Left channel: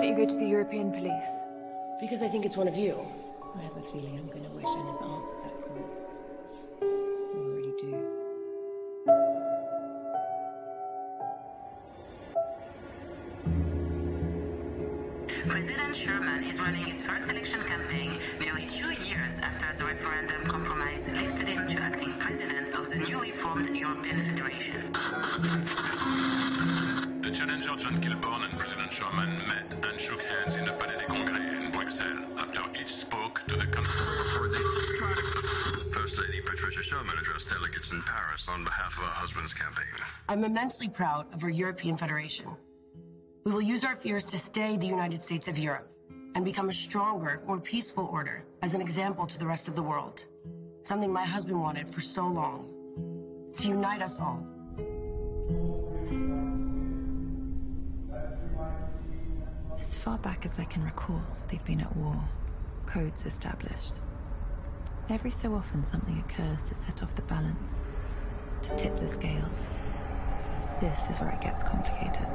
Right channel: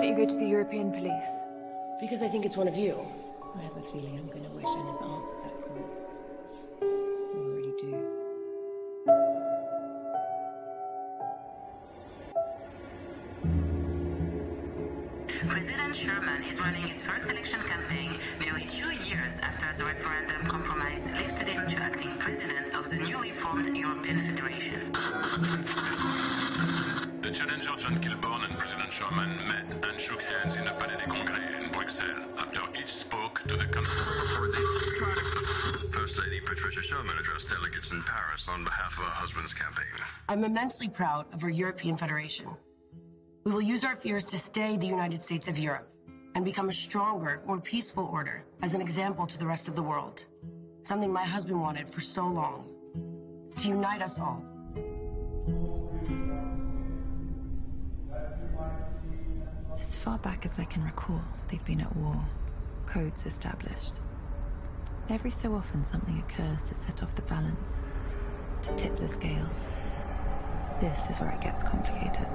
don't you go to the European police? Because I think it's one of you. I have a feeling I'm going to wish I never answered that call. I already do. President Sherman is running his first election campaign nearly 2 years after the referendum compromise lifted him to acting president of the newly formed European Federation. The challenger John Kilbourne and President Sherman met and shook hands in the Palais des Congrès in Bruxelles after each spoke to the country. First Lady Patricia Sherman addressed delegates in Paris on behalf of her husband's campaign. I'm immensely proud of our European Federation. We will use our fears to stay the United States of Europe and become a stronger, more peaceful order as an example to the rest of the world. Something my husband wanted for so long. To unite us all. As far back as I can recall, they've been at war, codes established. Every so often something occurs to set off the balance, to tip the scales. This is where it gets complicated.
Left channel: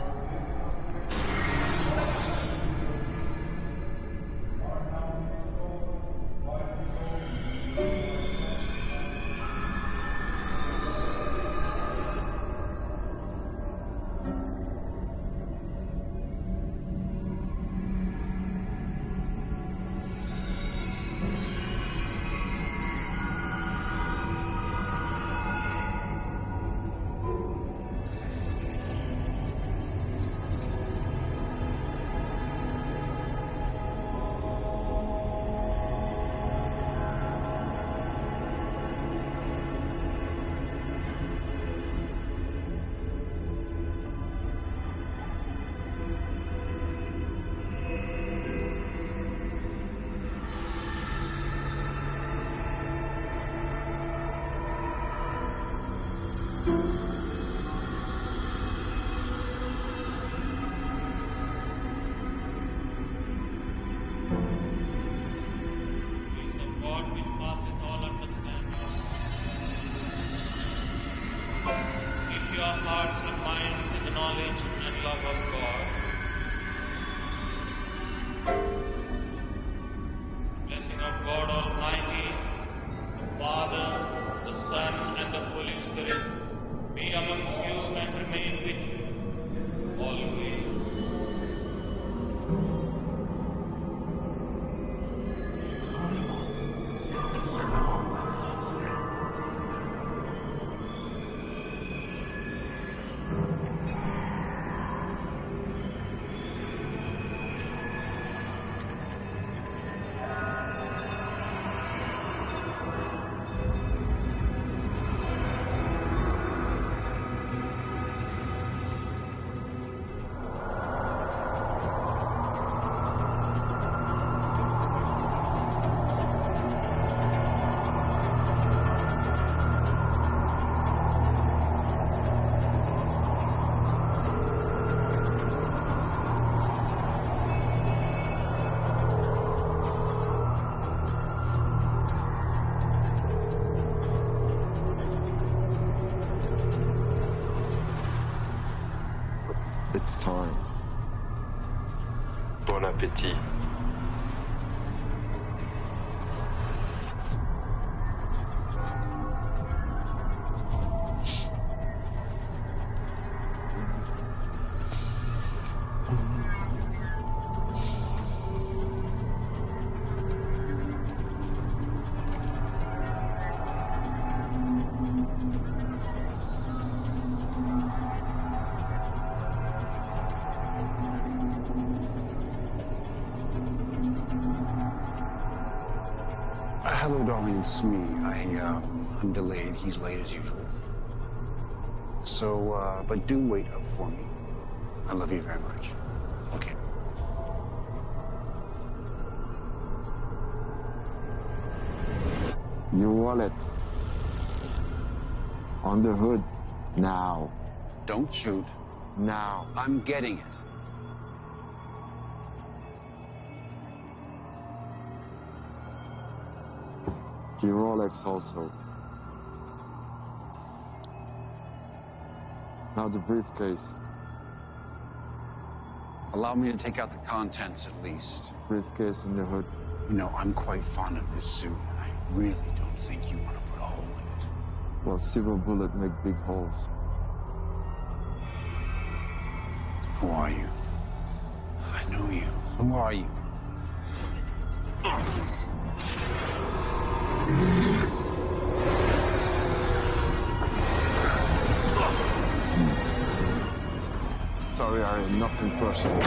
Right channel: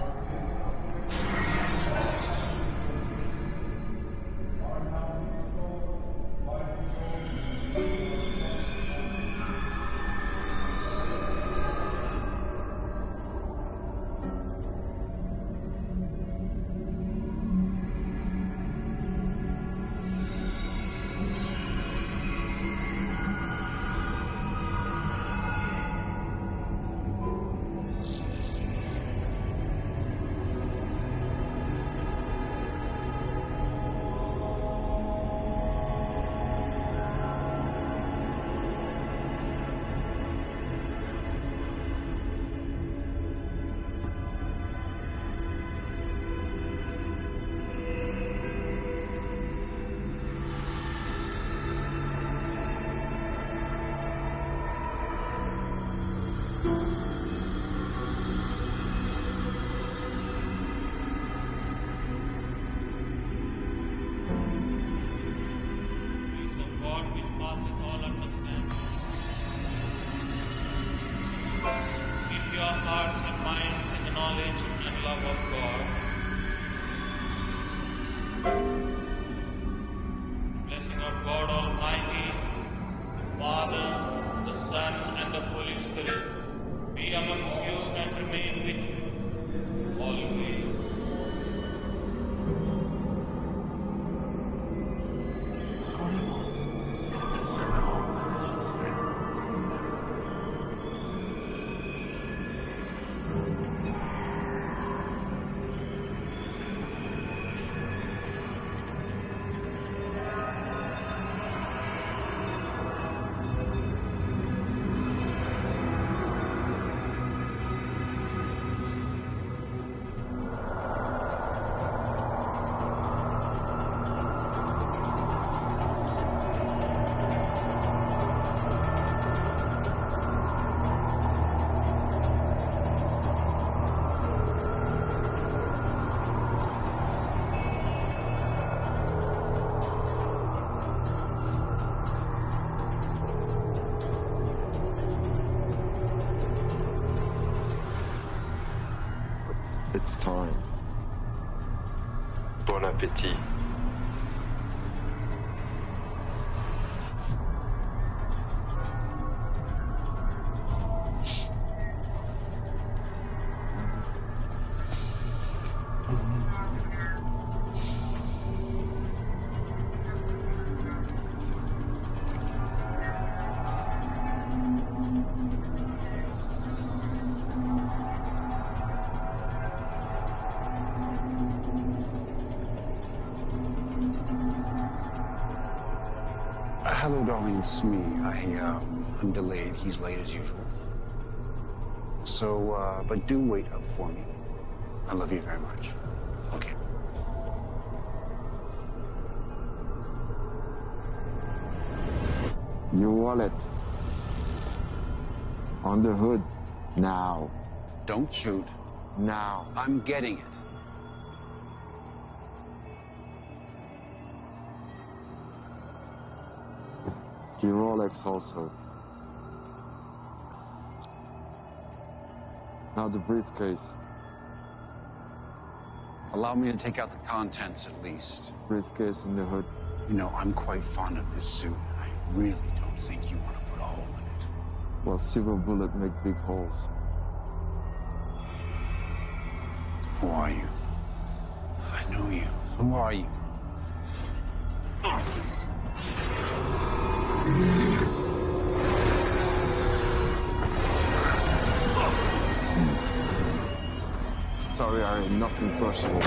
It's time. Bon appétit. Hello, darling, it's me. I'm delayed. He's late as usual. So, but do wait up for me. I love you very much. Okay. Your wallet. On the hood. Now. Don't shoot. Now. I'm getting it. Your Rolex also. Now the briefcase. Allow me to take out the contents at least. Briefcase in the hood. You know, I'm quite fond of this suit, and I really don't think you want to put a hole in it. Well, silver bullet make big holes. Who are you? I know you. Who are you? Sorry, Harry, nothing personal.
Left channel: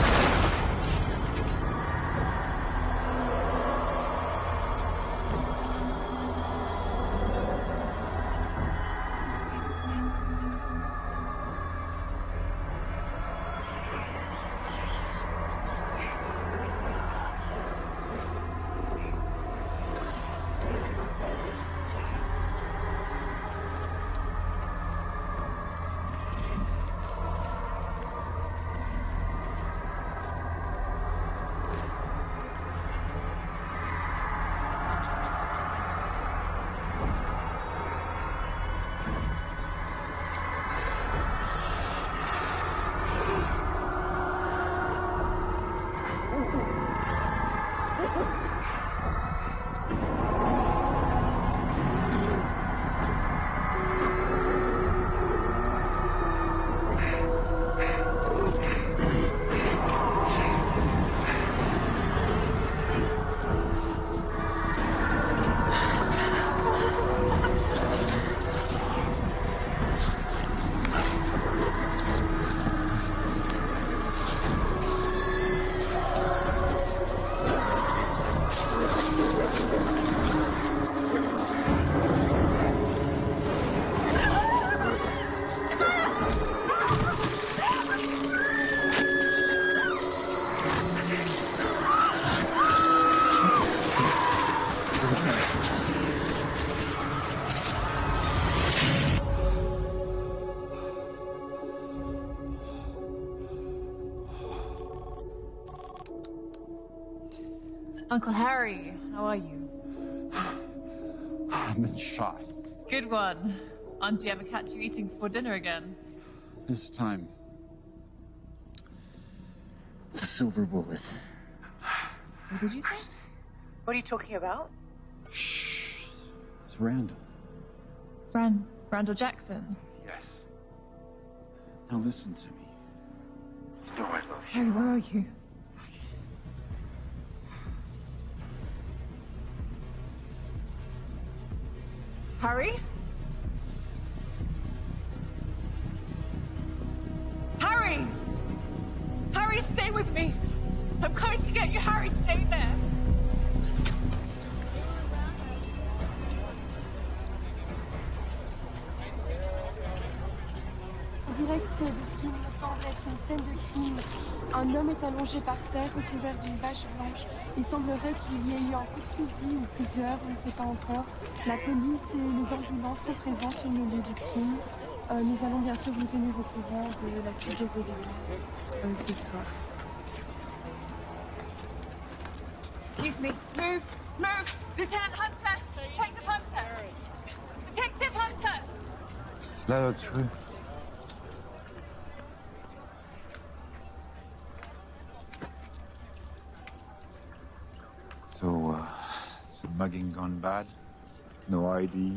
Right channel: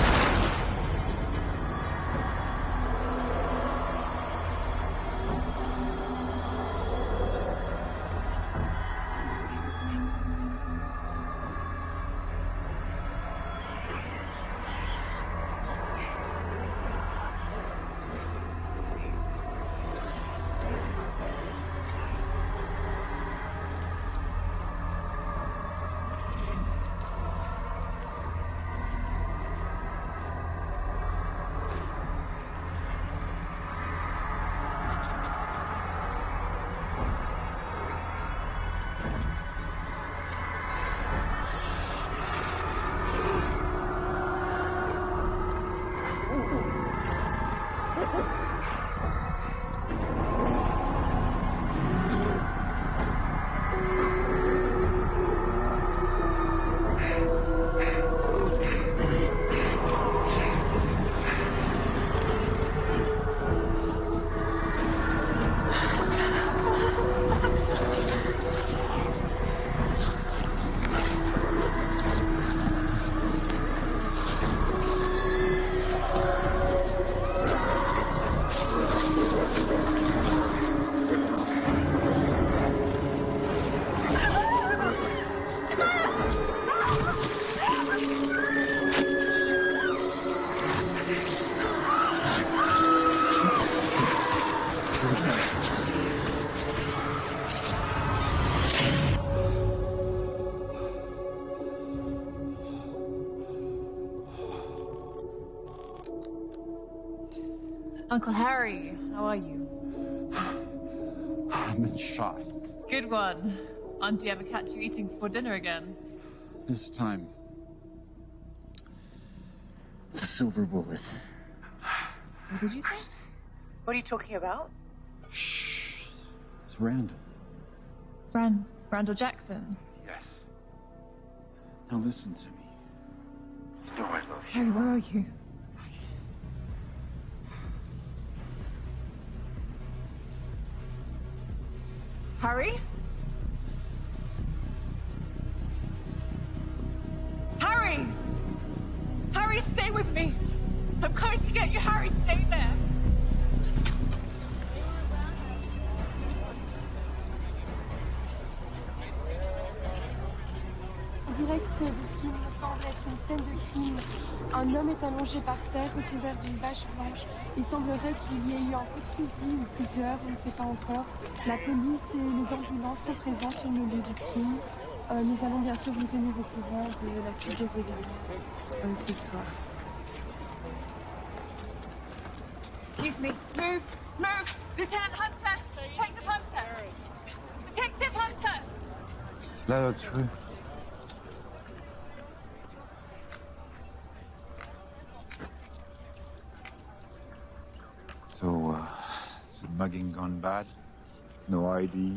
Uncle Harry, how are you? I've been shot. Good one. Auntie ever catch you eating for dinner again? This time, it's a silver bullet. What did you say? What are you talking about? It's Randall. Randall Jackson? Yes. Now listen to me. You know I love you. Harry, where are you? Harry? Harry! Harry, stay with me! I'm coming to get you, Harry, stay there! Direct de ce qui me semble être une scène de crime. Un homme est allongé par terre, recouvert d'une bâche blanche. Il semblerait qu'il y ait eu un coup de fusil ou plusieurs, on ne sait pas encore. La police et les ambulances sont présents sur le lieu du crime. Nous allons bien sûr vous tenir au courant de la suite des événements ce soir. Excuse me. Move! Lieutenant Hunter! Detective Hunter! Detective Hunter! That's true. So, is the mugging gone bad? No ID,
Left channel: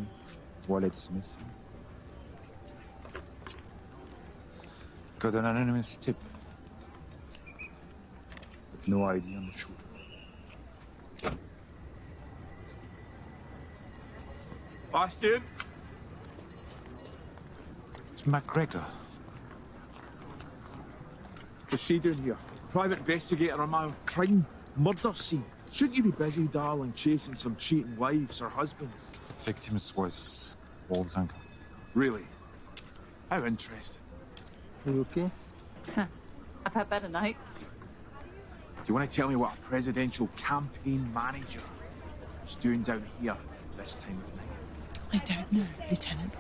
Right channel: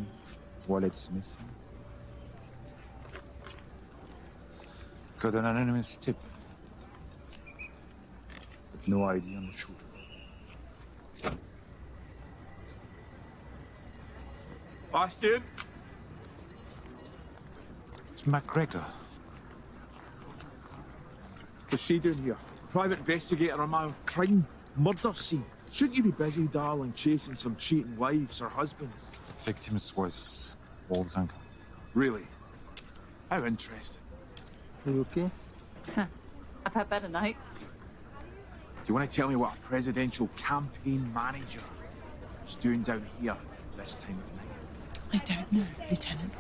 wallet's missing. Got an anonymous tip. But no ID on the shooter. Bastian? It's MacGregor. What's she doing here? Private investigator on my crime murder scene. Shouldn't you be busy, darling, chasing some cheating wives or husbands? The victims was Wolf's uncle. Really? How interesting. Are you okay? I've had better nights. Do you want to tell me what a presidential campaign manager is doing down here this time of night? I don't know, Lieutenant.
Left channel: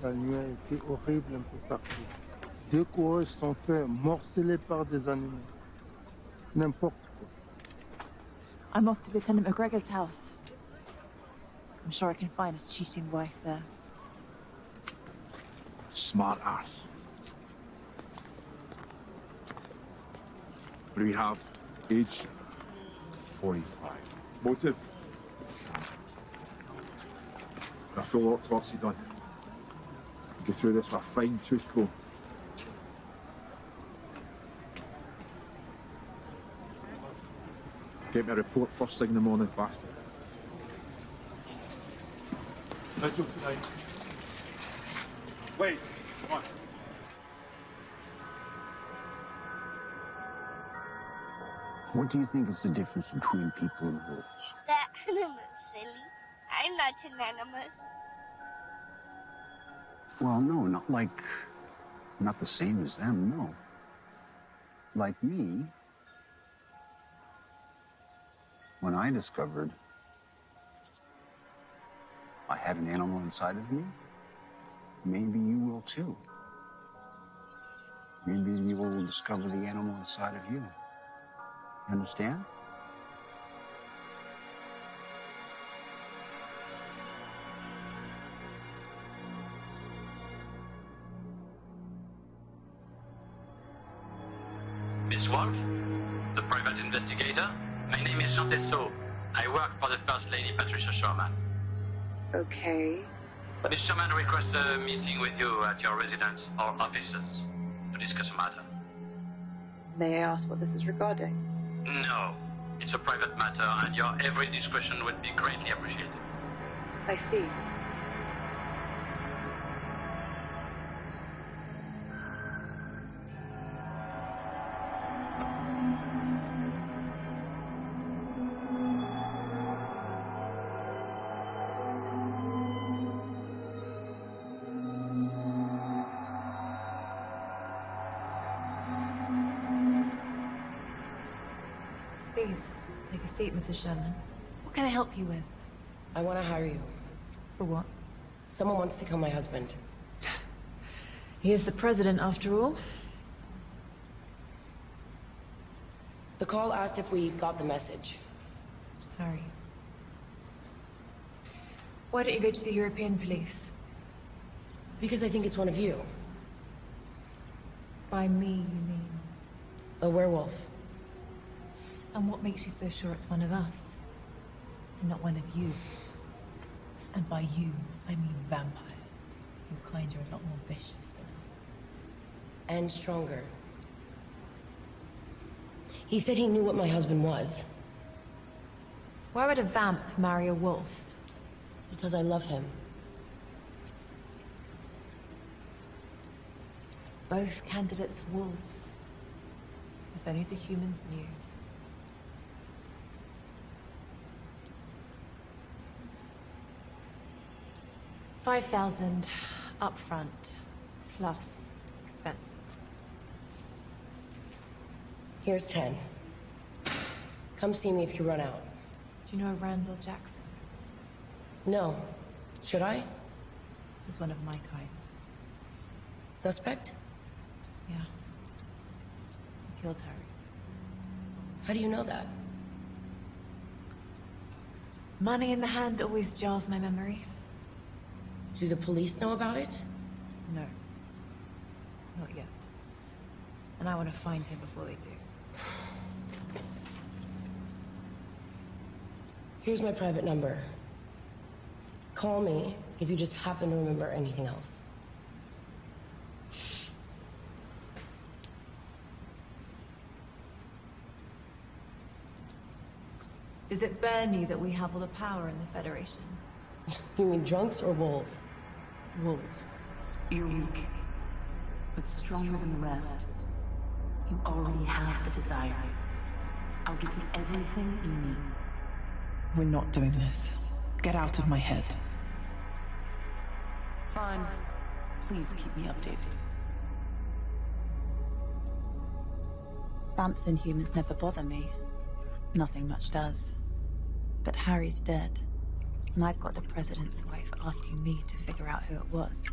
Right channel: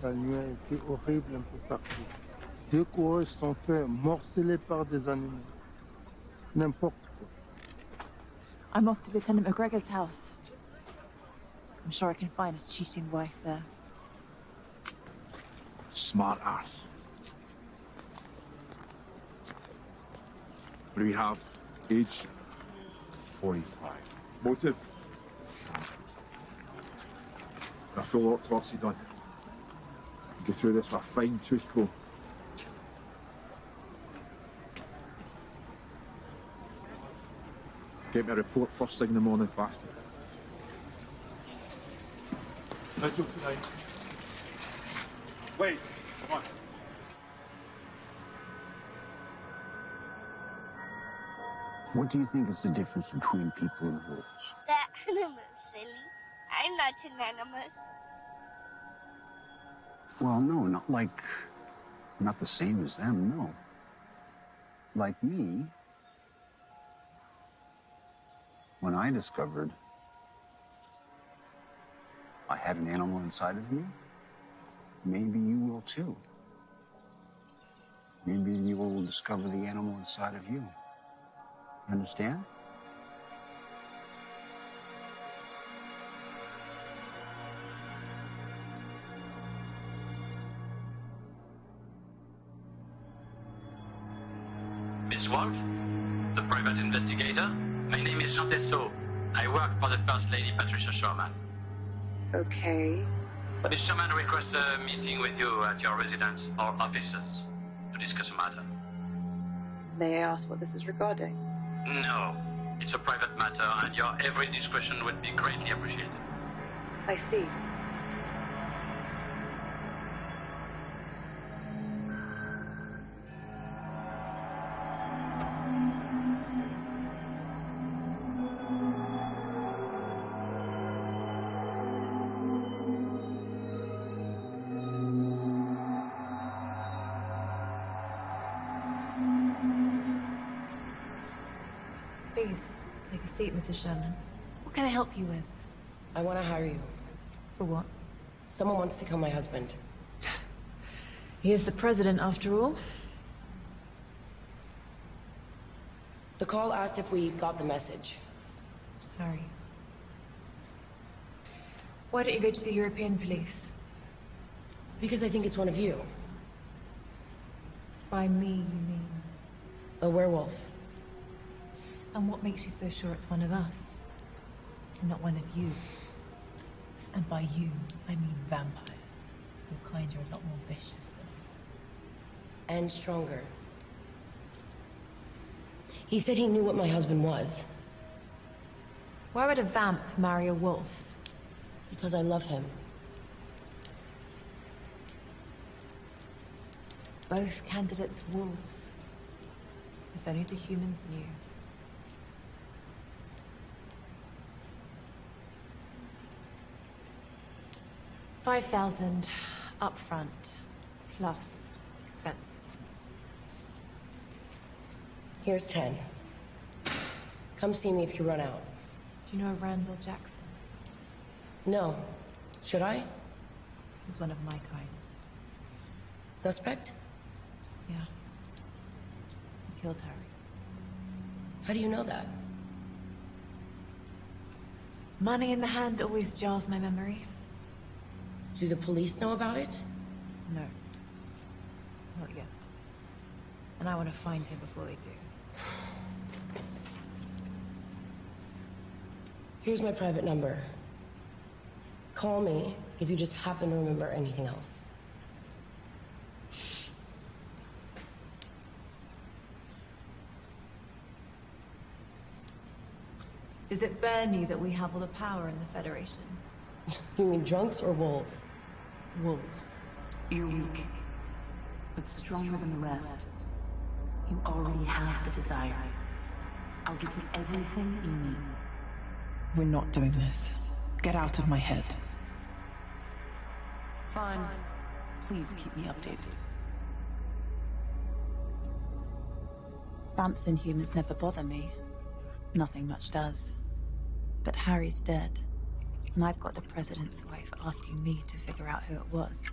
La nuit a été horrible un peu partout. 2 coureurs sont faits morceler par des animaux. N'importe quoi. I'm off to Lieutenant McGregor's house. I'm sure I can find a cheating wife there. Smart ass. What do we have? Age? 45. Motive? A full autopsy done. Go through this with a fine tooth comb. Get me a report first thing in the morning, bastard. Vigil tonight. Please, come on. What do you think is the difference between people and wolves? That animal's silly. I'm not an animal. Well, no, not the same as them, no. Like me, when I discovered I had an animal inside of me, maybe you will too. Maybe you will discover the animal inside of you. You understand? Miss Wolf, the private investigator. My name is Jean Tessot. I work for the First Lady Patricia Sherman. Okay. Miss Sherman requests a meeting with you at your residence or offices to discuss a matter. May I ask what this is regarding? No, it's a private matter and your every discretion would be greatly appreciated. I see. Please, take a seat, Mrs. Sherman. What can I help you with? I want to hire you. For what? Someone wants to kill my husband. He is the president, after all. The call asked if we got the message. Harry. Why don't you go to the European police? Because I think it's one of you. By me, you mean? A werewolf. And what makes you so sure it's one of us? And not one of you? And by you, I mean vampire. Your kind are a lot more vicious than us. And stronger. He said he knew what my husband was. Why would a vamp marry a wolf? Because I love him. Both candidates wolves. If only the humans knew. 5,000 upfront, plus expenses. Here's 10. Come see me if you run out. Do you know Randall Jackson? No. Should I? He's one of my kind. Suspect? Yeah. He killed Harry. How do you know that? Money in the hand always jars my memory. Do the police know about it? No. Not yet. And I want to find him before they do. Here's my private number. Call me if you just happen to remember anything else. Does it burn you that we have all the power in the Federation? You mean drunks or wolves? Wolves. You're weak, but stronger than the rest. You already have the desire. I'll give you everything you need. We're not doing this. Get out of my head. Fine. Please keep me updated. Vamps and humans never bother me. Nothing much does. But Harry's dead. And I've got the President's wife asking me to figure out who it was.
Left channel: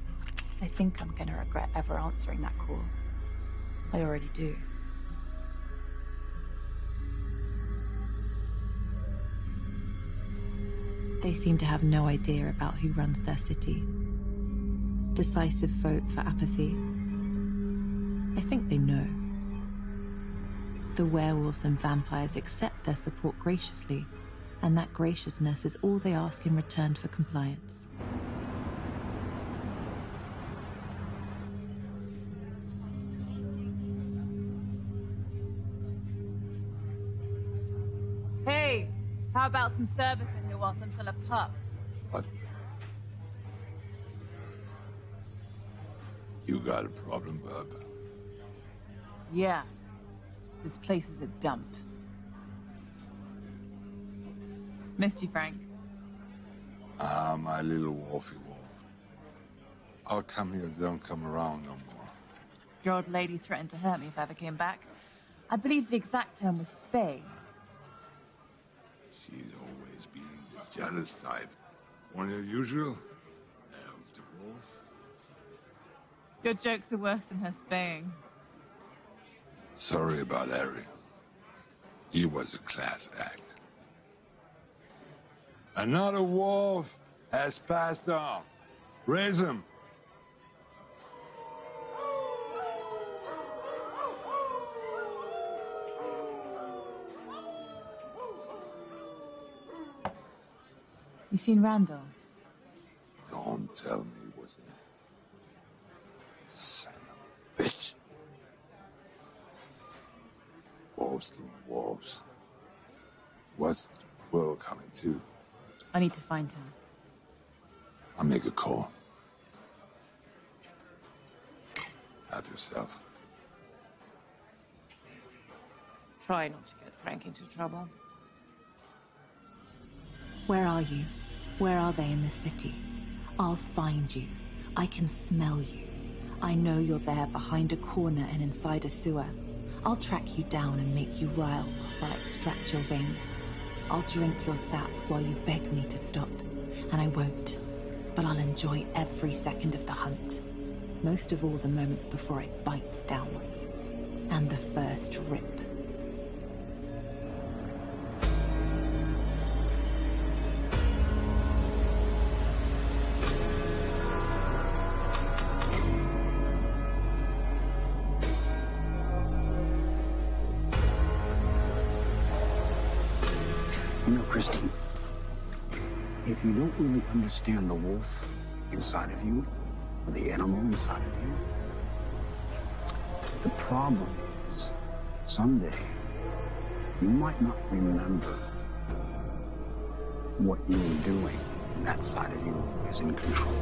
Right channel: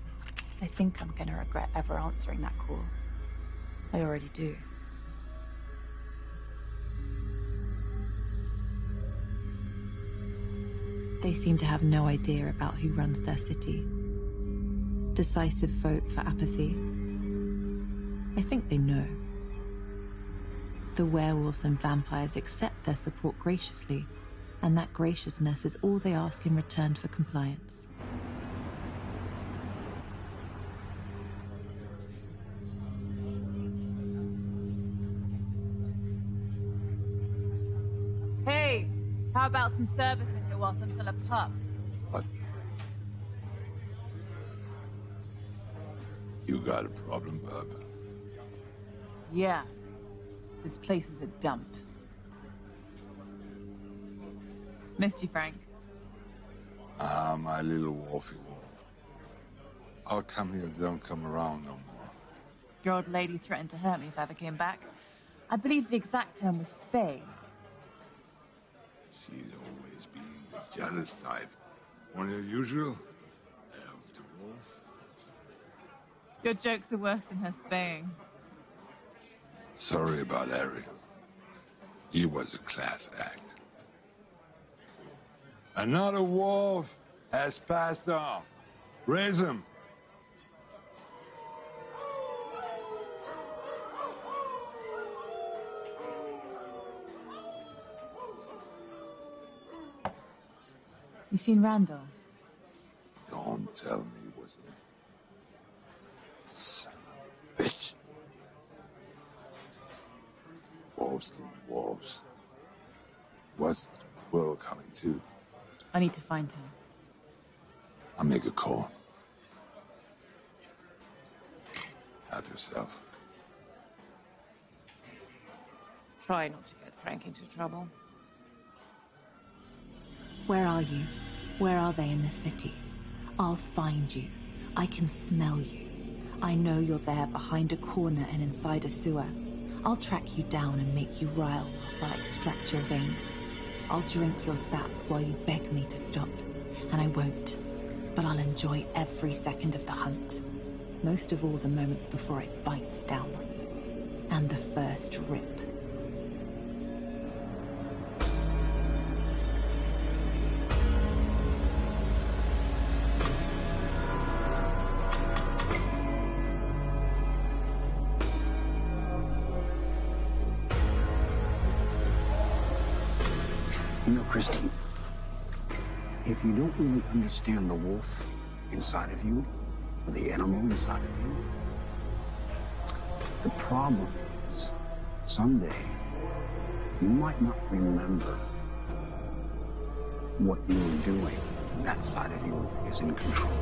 I think I'm gonna regret ever answering that call. I already do. They seem to have no idea about who runs their city. Decisive vote for apathy. I think they know. The werewolves and vampires accept their support graciously, and that graciousness is all they ask in return for compliance. Hey, how about some service in here whilst I'm still a pup? What? You got a problem, bub? Yeah. This place is a dump. Missed you, Frank. Ah, my little wolfy wolf. I'll come here, don't come around no more. Your old lady threatened to hurt me if I ever came back. I believe the exact term was spay. She's always being the jealous type. One unusual. Elf the wolf. Your jokes are worse than her spaying. Sorry about Harry. He was a class act. Another wolf has passed on. Raise him. You seen Randall? Don't tell me it was him. Son of a bitch. Wolves killing wolves. What's the world coming to? I need to find him. I'll make a call. Help yourself. Try not to get Frank into trouble. Where are you? Where are they in the city? I'll find you. I can smell you. I know you're there behind a corner and inside a sewer. I'll track you down and make you rile whilst I extract your veins. I'll drink your sap while you beg me to stop. And I won't. But I'll enjoy every second of the hunt. Most of all the moments before I bite down on you. And the first rip. You know, Christine, if you don't really understand the wolf inside of you, or the animal inside of you, the problem is, someday, you might not remember what you were doing, and that side of you is in control.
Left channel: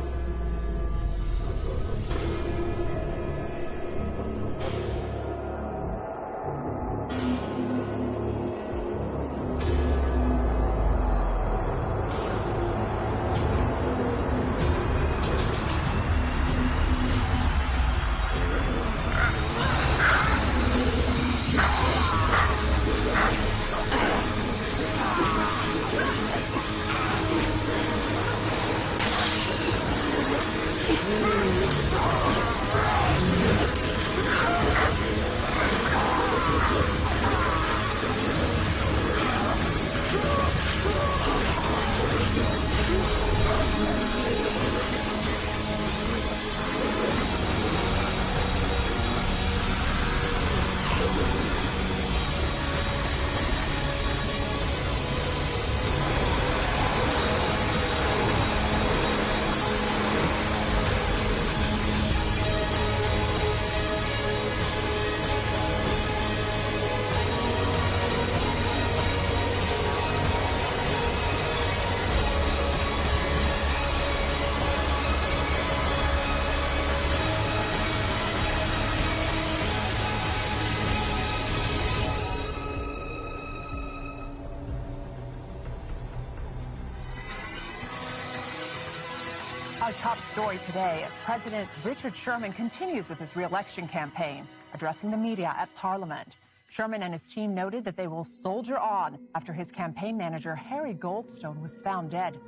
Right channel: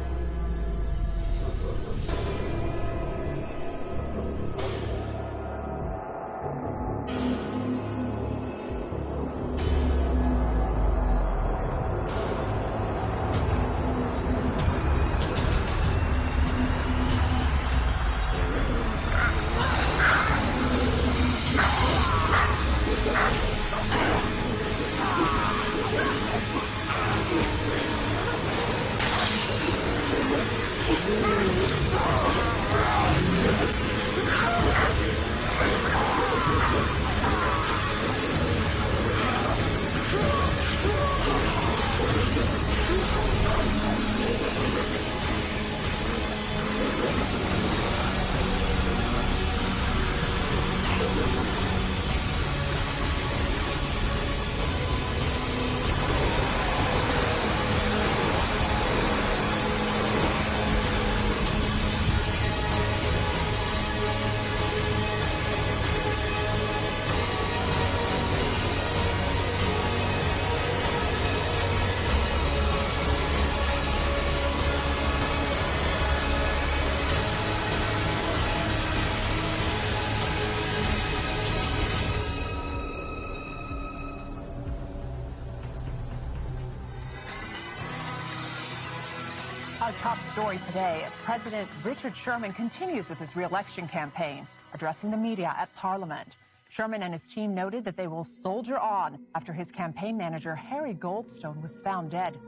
Our top story today, President Richard Sherman continues with his re-election campaign, addressing the media at Parliament. Sherman and his team noted that they will soldier on after his campaign manager, Harry Goldstone, was found dead.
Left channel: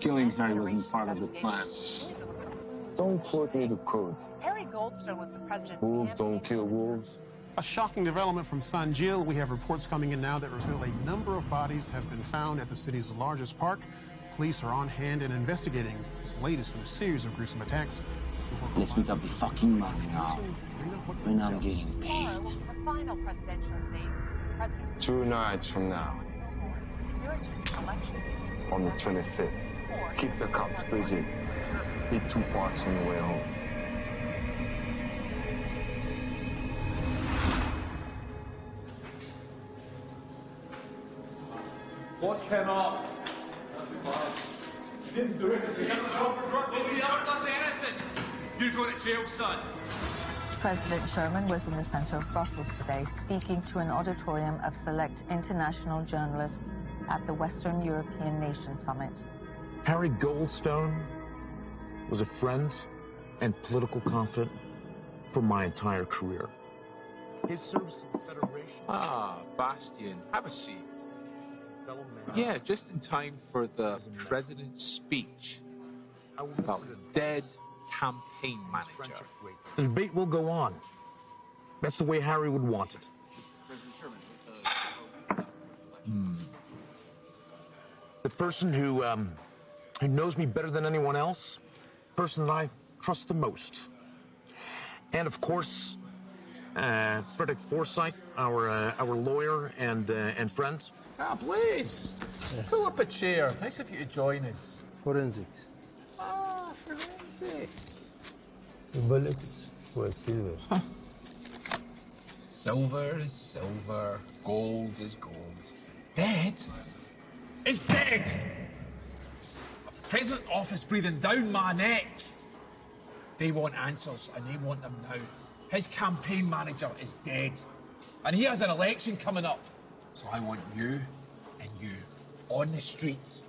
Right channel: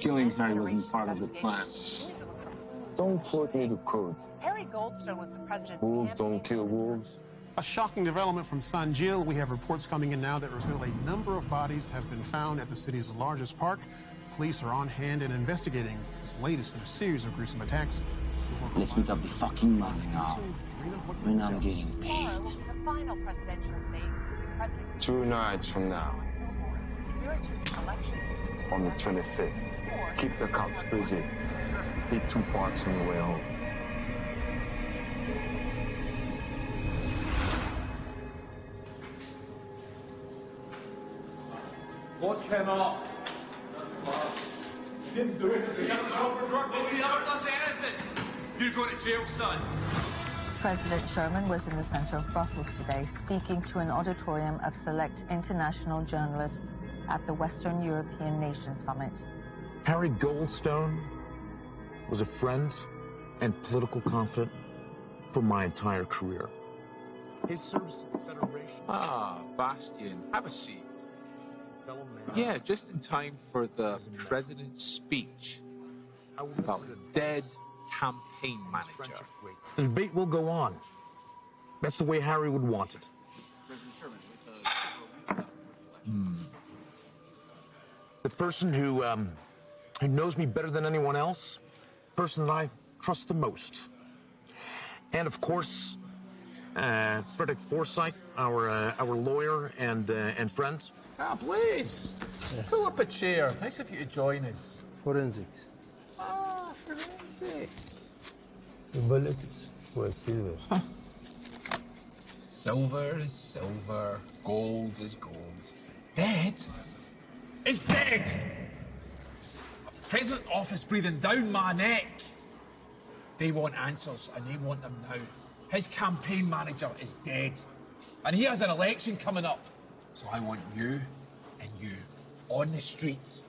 Killing Harry wasn't part of the plan. Don't quote me the code. Harry Goldstone was the president's Wolves don't kill wolves. A shocking development from San Gil. We have reports coming in now that reveal a number of bodies have been found at the city's largest park. Police are on hand and investigating this latest in a series of gruesome attacks. Let's make up the fucking money now. When I'm getting paid. The final presidential debate. President 2 nights from now, on the 25th. Keep the cops busy. Hit 2 parks on the way home. What came up? You didn't do anything. That was Robert Burke. Nobody ever does anything. You're going to jail, son. President Sherman was in the center of Brussels today, speaking to an auditorium of select international journalists at the Western European Nation Summit. Harry Goldstone was a friend and political confidant for my entire career. His service to the Federation... Ah, Bastian, have a seat. Yeah, just in time for the president's speech about his dead campaign manager. The debate will go on. That's the way Harry would want it. The person who knows me better than anyone else, person that I trust the most. And of course, Frederick Forsyth, our lawyer and friend. Ah, please. Yes. Pull up a chair. Nice of you to join us. Forensics. Ah, forensics. The bullets were silver. Huh. Silver is silver. Gold is gold. Dead is dead. A present office breathing down my neck. They want answers, and they want them now. His campaign manager is dead. And he has an election coming up. So I want you and you on the streets,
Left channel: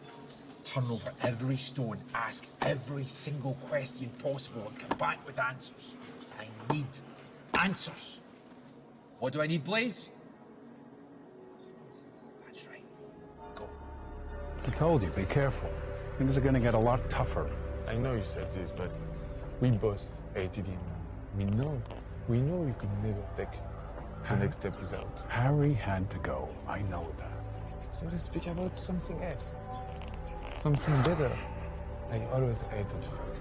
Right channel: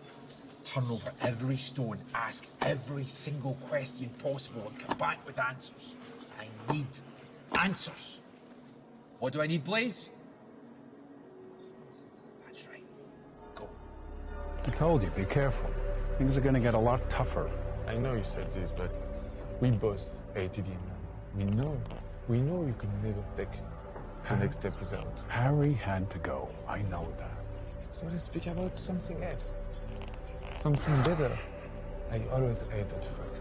turn over every stone, ask every single question possible and come back with answers. I need answers. What do I need, Blaze? That's right. Go. I told you, be careful. Things are going to get a lot tougher. I know you said this, but we both hated him. We know you could never take the next step without. Harry had to go. I know that. So let's speak about something else. Something better. I always hate that fuck.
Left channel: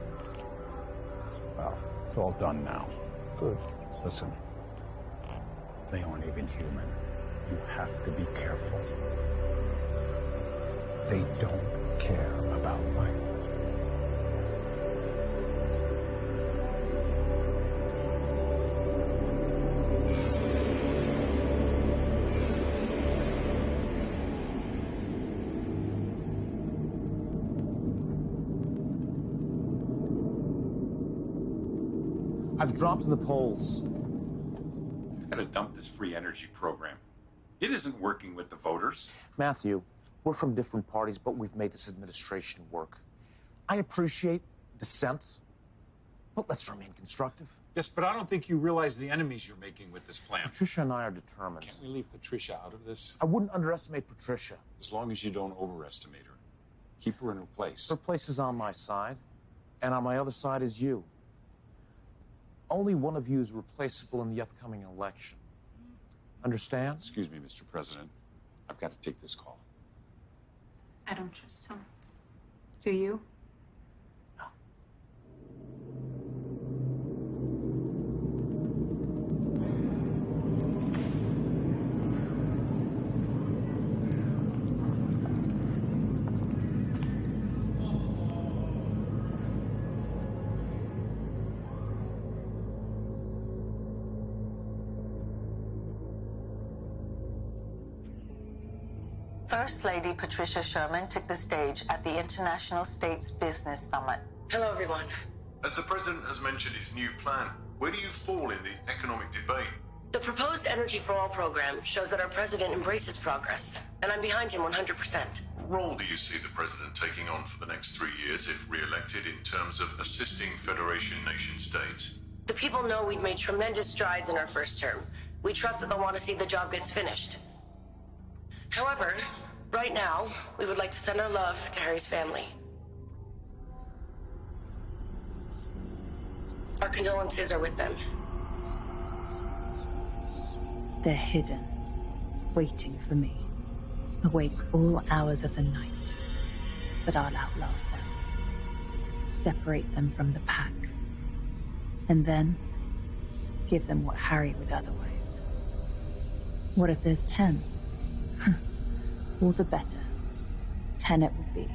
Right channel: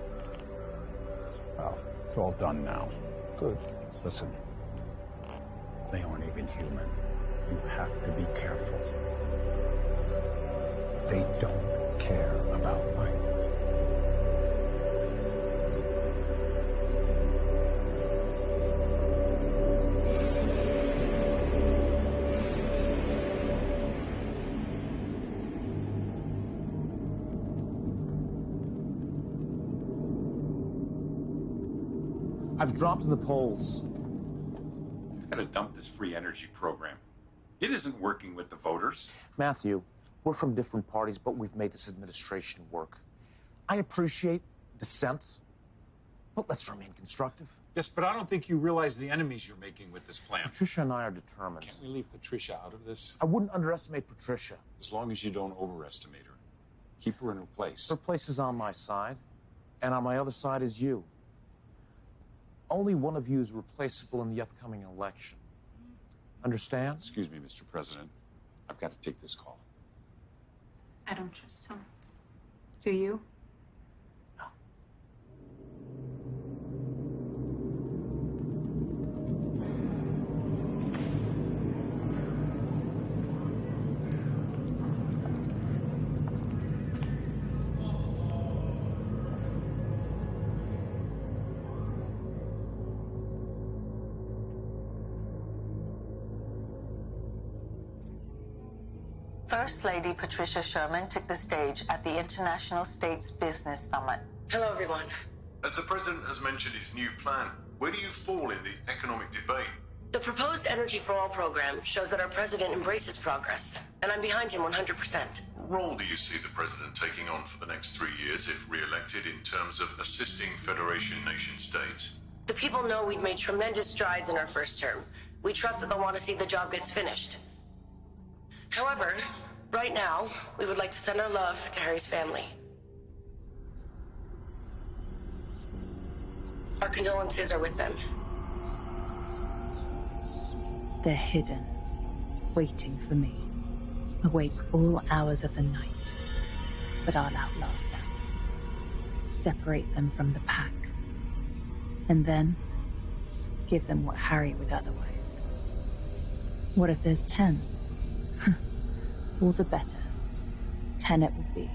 Well, it's all done now. Good. Listen, they aren't even human. You have to be careful. They don't care about life. I've dropped in the polls. We've got to dump this free energy program. It isn't working with the voters. Matthew, we're from different parties, but we've made this administration work. I appreciate dissent, but let's remain constructive. Yes, but I don't think you realize the enemies you're making with this plan. Patricia and I are determined. Can't we leave Patricia out of this? I wouldn't underestimate Patricia. As long as you don't overestimate her. Keep her in her place. Her place is on my side, and on my other side is you. Only one of you is replaceable in the upcoming election. Understand? Excuse me, Mr. President. I've got to take this call. I don't trust him. Do you? First Lady Patricia Sherman took the stage at the International States Business Summit. Hello, everyone. As the president has mentioned his new plan, where do you fall in the economic debate? The proposed Energy for All program shows that our president embraces progress, and I'm behind him 100%. What role do you see the president taking on for the next 3 years if re-elected in terms of assisting Federation nation states? The people know we've made tremendous strides in our first term. We trust that they'll want to see the job gets finished. However, right now, we would like to send our love to Harry's family. Our condolences are with them. They're hidden, waiting for me, awake all hours of the night. But I'll outlast them. Separate them from the pack. And then give them what Harry would otherwise. What if there's 10? All the better. 10 it will be.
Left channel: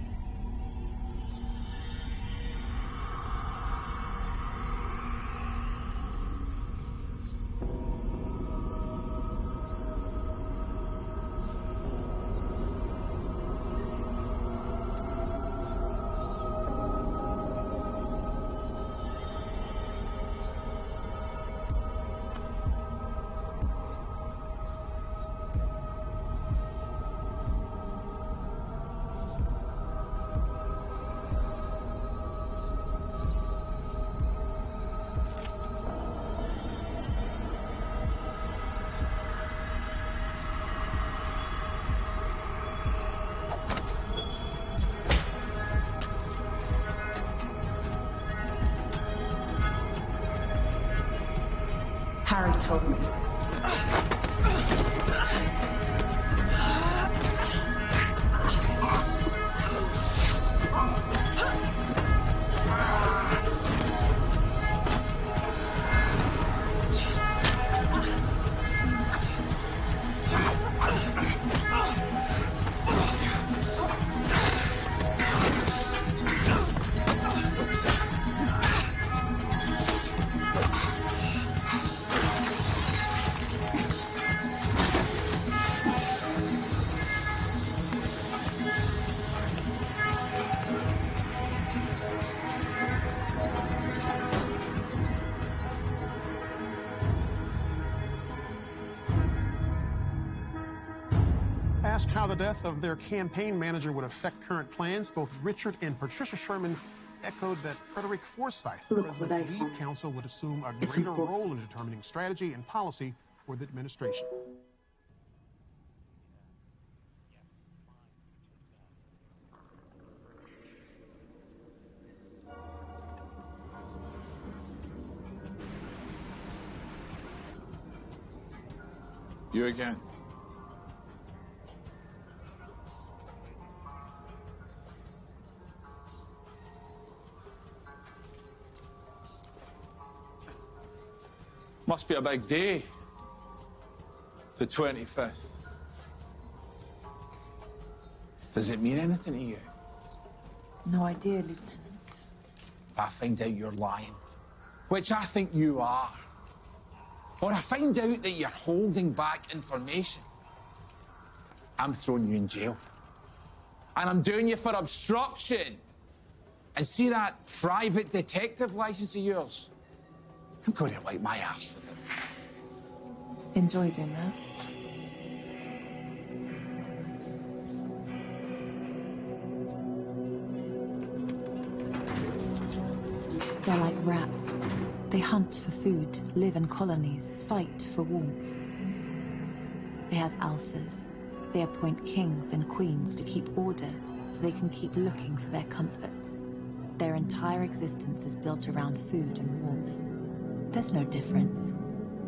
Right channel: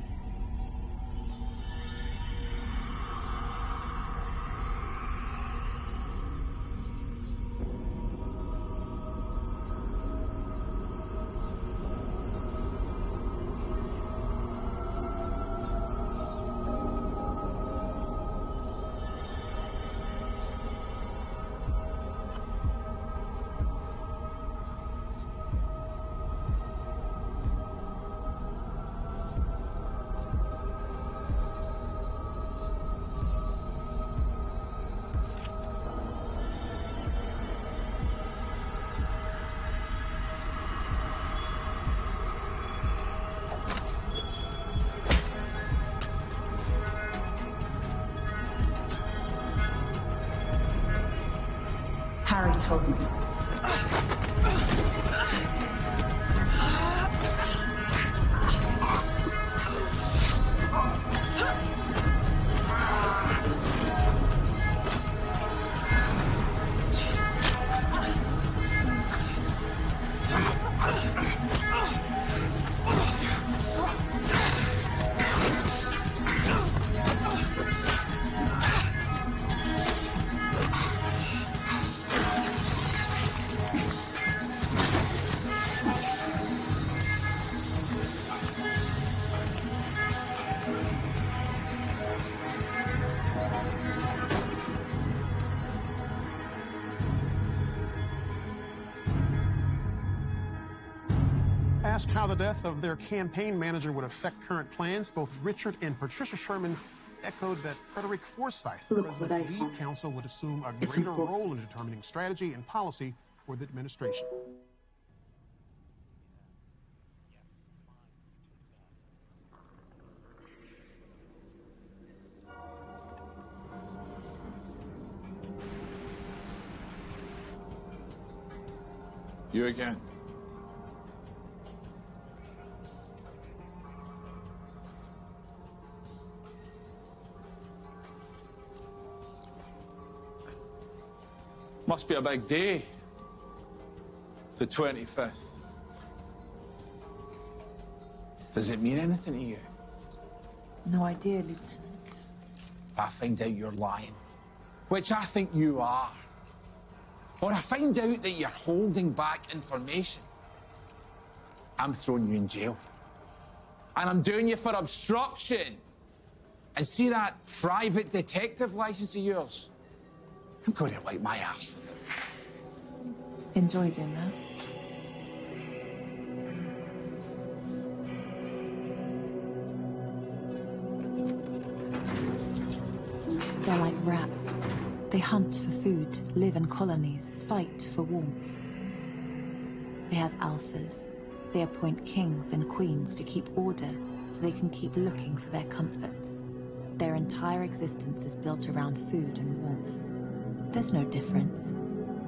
Harry told me. Asked how the death of their campaign manager would affect current plans, both Richard and Patricia Sherman echoed that Frederick Forsyth, the president's lead counsel, would assume a greater role in determining strategy and policy for the administration. You again. Must be a big day. The 25th. Does it mean anything to you? No idea, Lieutenant. If I find out you're lying, which I think you are, or I find out that you're holding back information, I'm throwing you in jail. And I'm doing you for obstruction. And see that private detective license of yours? I'm going to wipe my ass with it. Enjoy doing that. They're like rats. They hunt for food, live in colonies, fight for warmth. They have alphas. They appoint kings and queens to keep order so they can keep looking for their comforts. Their entire existence is built around food and warmth. There's no difference.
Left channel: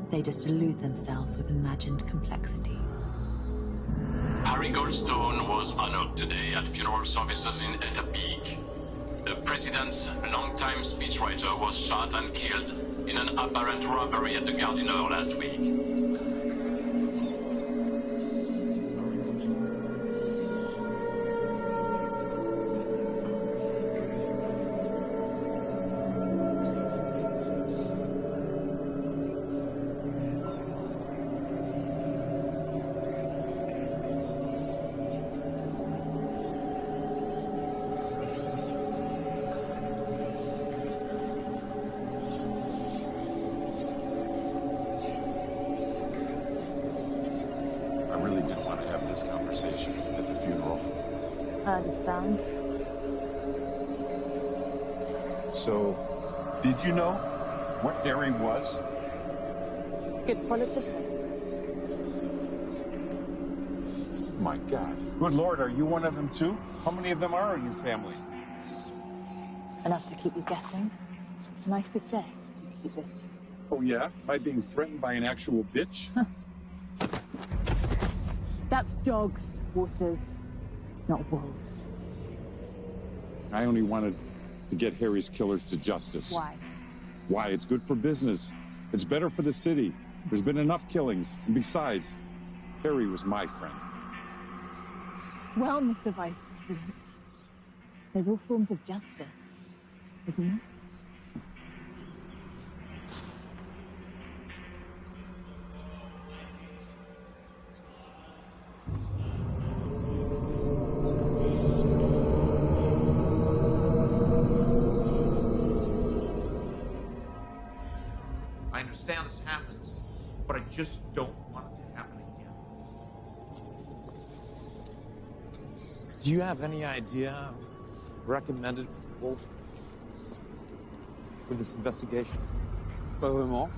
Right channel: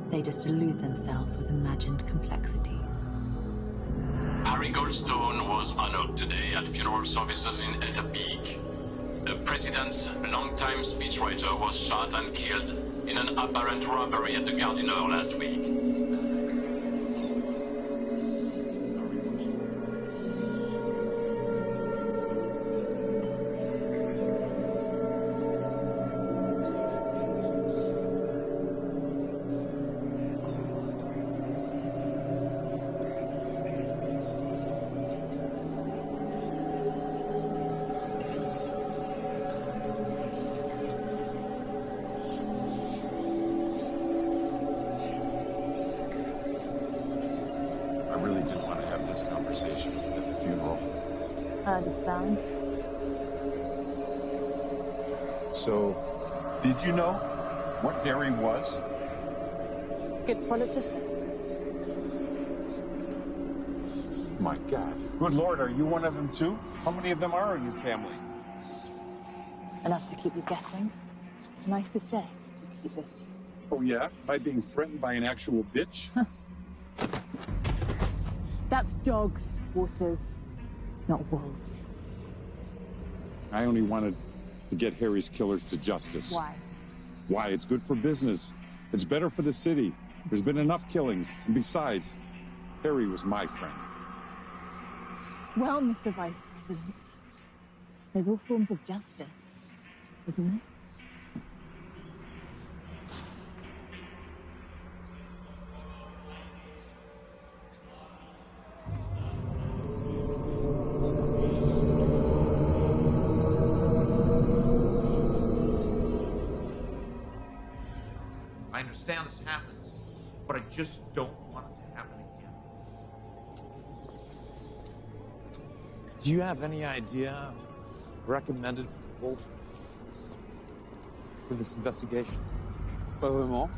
They just elude themselves with imagined complexity. Harry Goldstone was honored today at funeral services in Eta Peak. The president's longtime speechwriter was shot and killed in an apparent robbery at the Gardiner last week. I really didn't want to have this conversation at the funeral. I understand. So, did you know what Harry was? Good politician. My God. Good Lord, are you one of them too? How many of them are in your family? Enough to keep you guessing. And I suggest you keep this to yourself. Oh yeah? By being threatened by an actual bitch? That's dogs, Waters, not wolves. I only wanted to get Harry's killers to justice. Why? Why? It's good for business. It's better for the city. There's been enough killings. And besides, Harry was my friend. Well, Mr. Vice President, there's all forms of justice, isn't there? I understand this happens, but I just don't want it to happen again. Do you have any idea recommended Wolf for this investigation? Pas vraiment.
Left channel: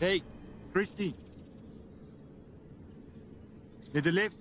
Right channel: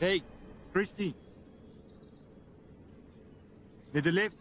Hey, Christy. Need the lift?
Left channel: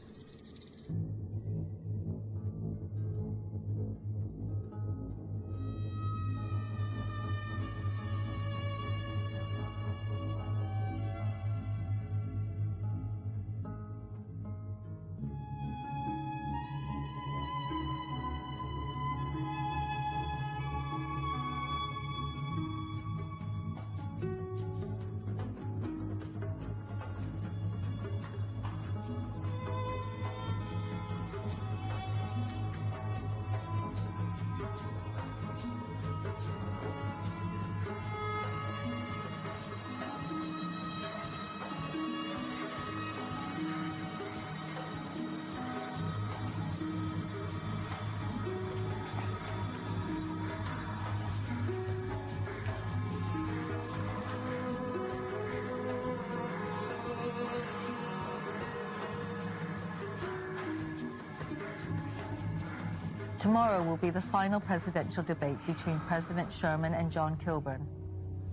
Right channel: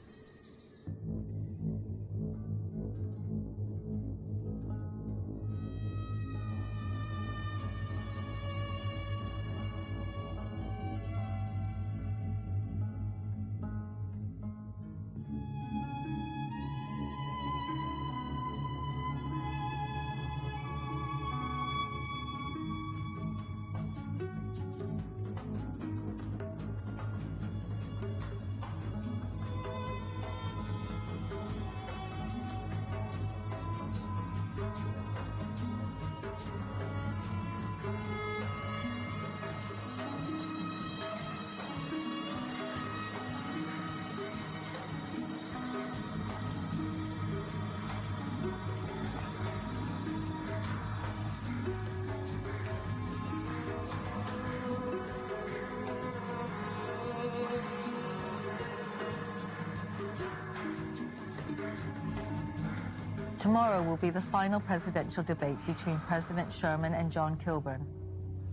Tomorrow will be the final presidential debate between President Sherman and John Kilburn.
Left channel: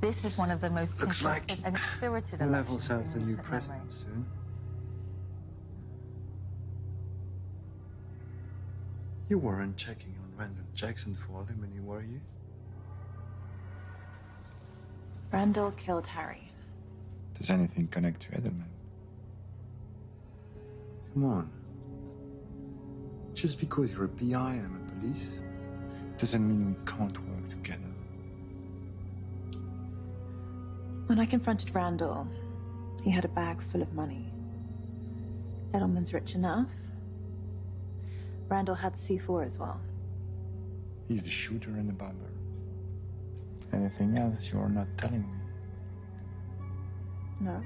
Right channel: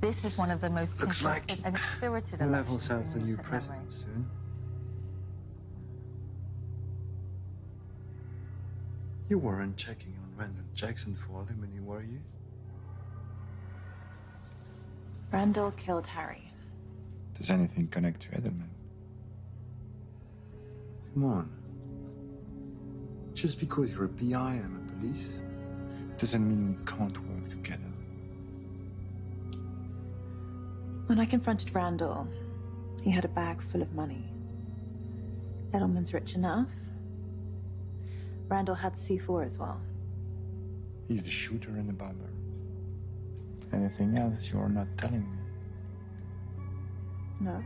This is one of the most contested and spirited elections in the new recent memory. president soon. You weren't checking on Randall Jackson for alimony, were you? Randall killed Harry. Does anything connect to Edelman? Come on. Just because you're a PI and I'm a police, doesn't mean we can't work together. When I confronted Randall, he had a bag full of money. Edelman's rich enough. Randall had C4 as well. He's the shooter and the bomber. Anything else you're not telling me? No.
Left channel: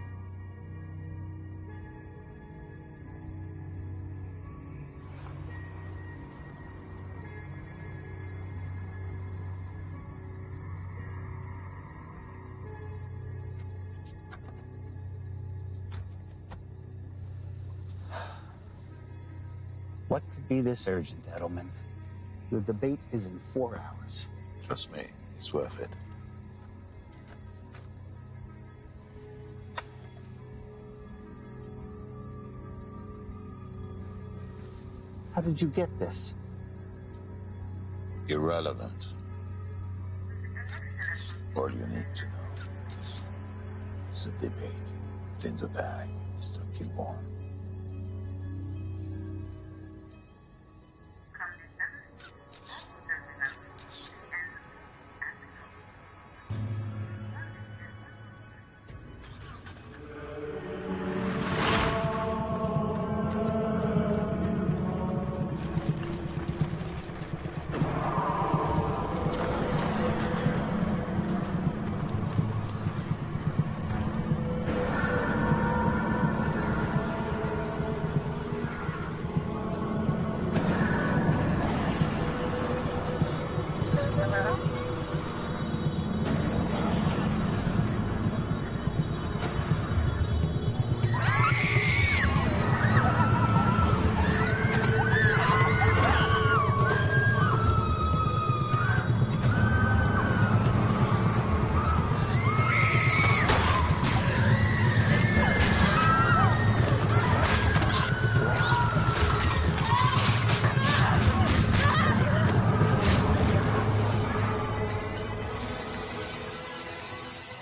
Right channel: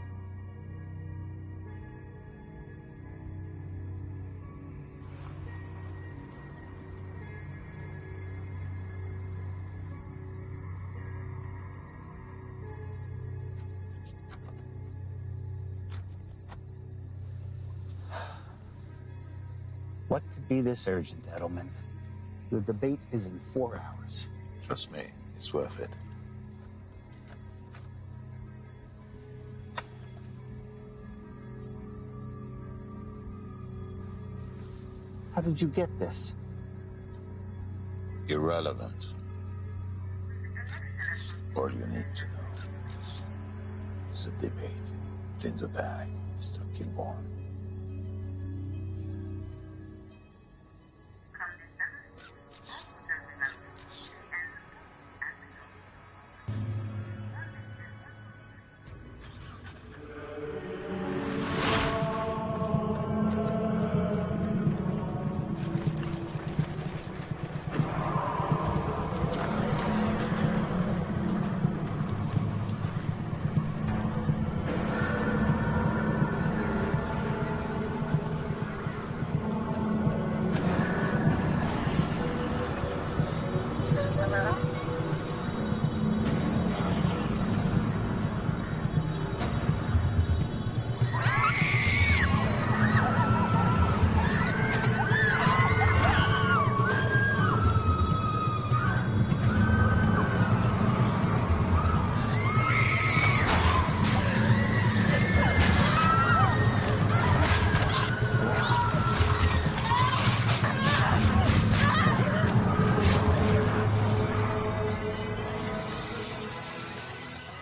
What could be this urgent, Edelman? The debate is in 4 hours. Trust me, it's worth it. How did you get this? Irrelevant. All you need to know is a debate within the bag, Mr. Kilburn.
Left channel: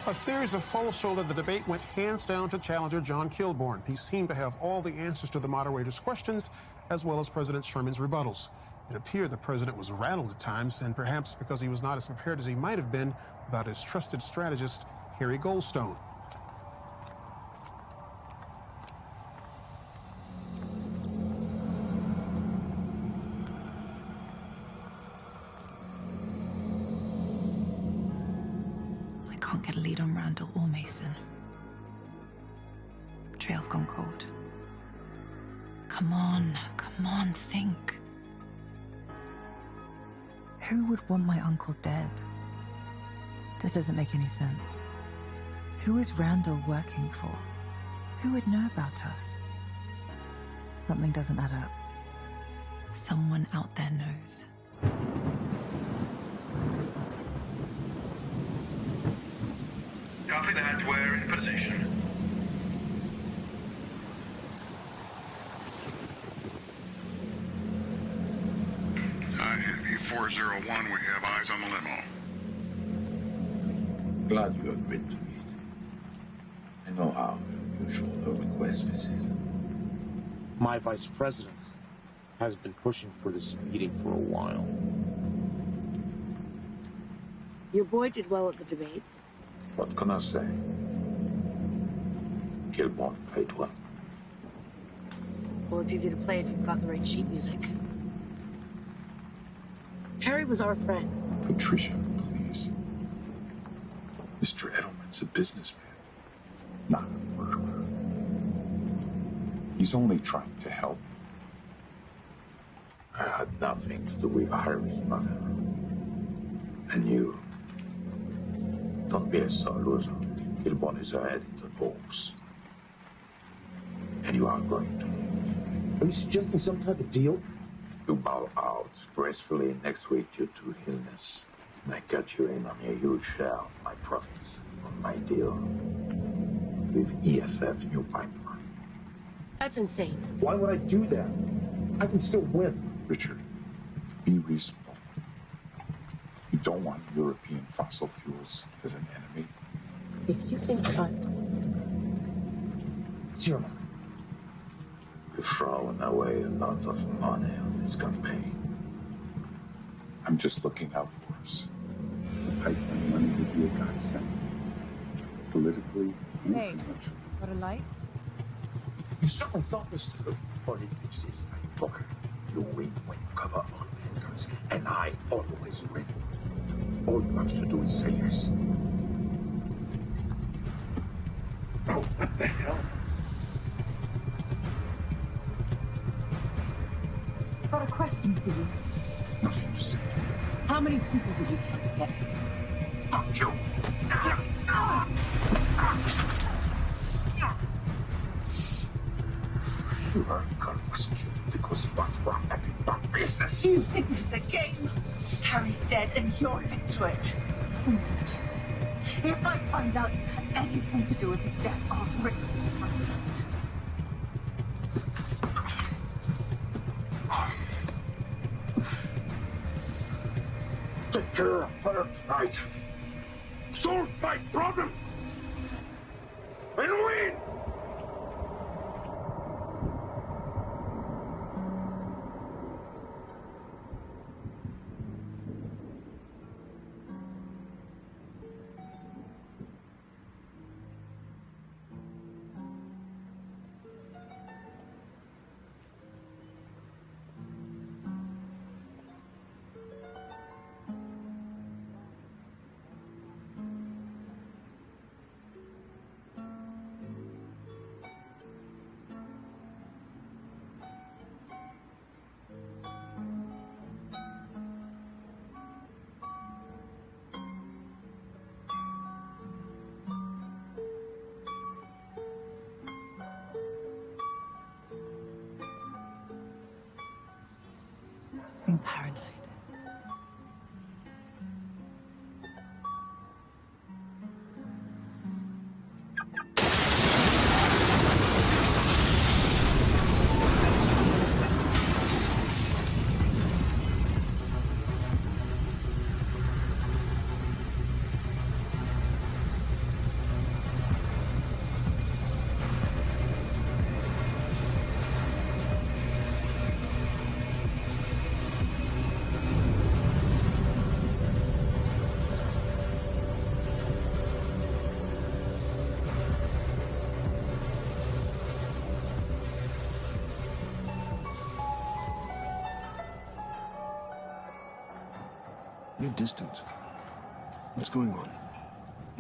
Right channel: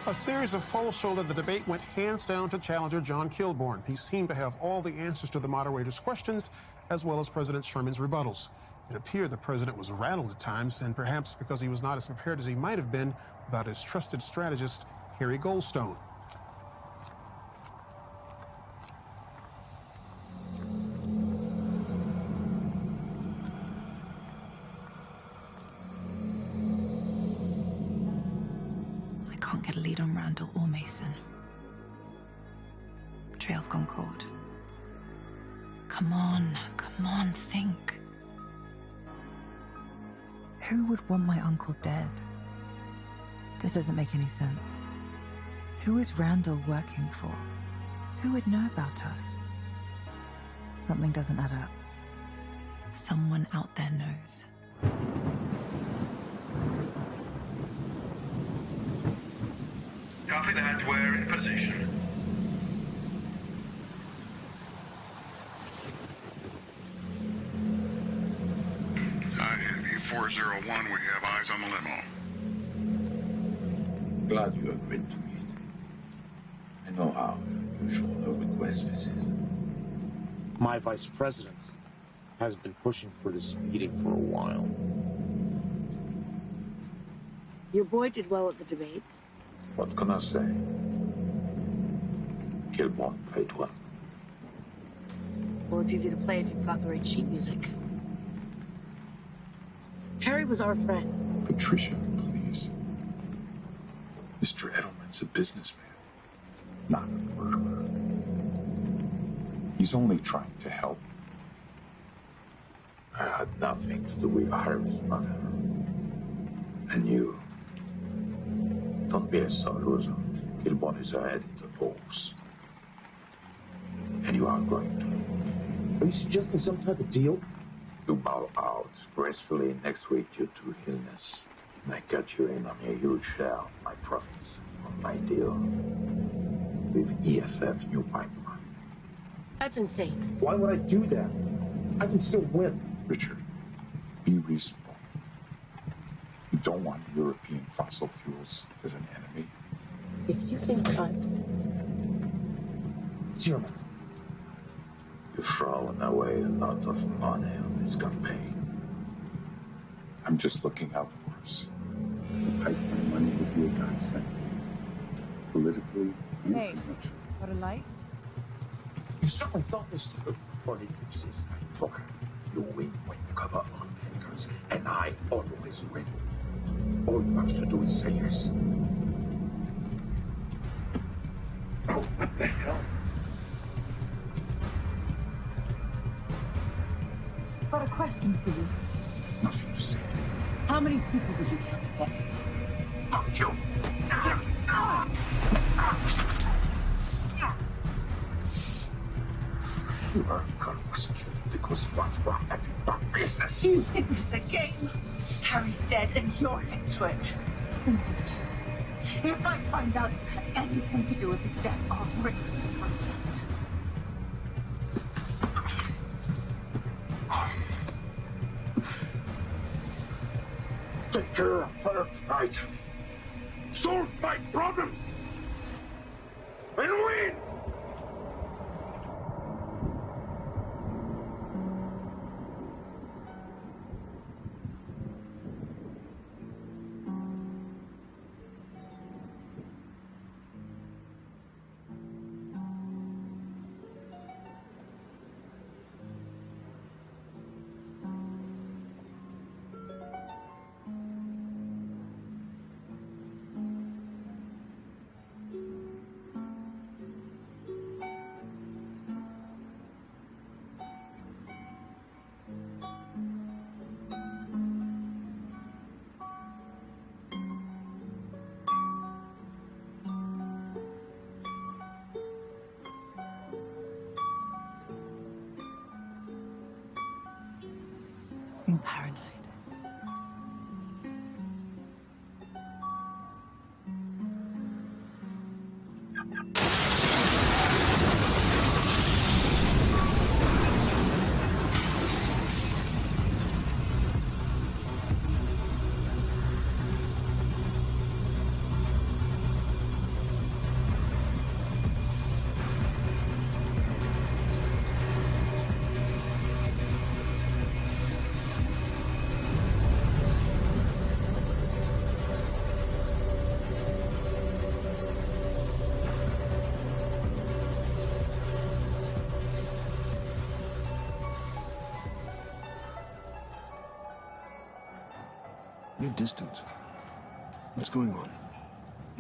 A series of polls show that the debate went hands down to challenger John Kilburn. He seemed to have all the answers to the moderator's questions, as well as President Sherman's rebuttals. It appeared the president was rattled at times, and perhaps because he was not as prepared as he might have been about his trusted strategist, Harry Goldstone. I can't get a lead on Randall or Mason. Trail's gone cold. Come on, think. Who would want my uncle dead? This doesn't make any sense. Who is Randall working for? Who would know about us? Something doesn't add up. Someone out there knows. Copy that. We're in position. Heavy 401, we have eyes on the limo. Glad you agreed to meet. I know how unusual a request this is. My vice president has been pushing for this meeting for a while. Your boy did well at the debate. What can I say? Kilborn played well. Well, it's easy to play if you've got the right sheet music. Harry was our friend. Patricia, please. Mr. Edelman's a businessman, not a murderer. He's only trying to help. I had nothing to do with Harry's murder. And you... Don't be a sore loser. Kilborn is ahead in the polls. And you are going to lose. Are you suggesting some type of deal? You bow out gracefully next week due to illness. And I cut you in on a huge share of my profits from my deal with EFF New Pipeline. That's insane. Why would I do that? I can still win. Richard, be reasonable. You don't want European fossil fuels as an enemy. If you think it's your mouth. You've thrown away a lot of money on this campaign. I'm just looking out for us. The pipeline money would be a godsend. Politically and Hey, financially. got a light? You certainly thought this through. Politics is like poker. You win when you cover all fingers, and I always win. All you have to do is say yes. Oh, what the hell? I've got a question for you. Nothing to say. How many people did you kill today? Fuck you. Your uncle was killed because he was wrong at the bad business. You think this is a game? Harry's dead and you're into it. If I find out you had anything to do with his death, I'll rip you from it. Take care of her tonight. Solve my problem. And win! Just being paranoid. You're distant. What's going on?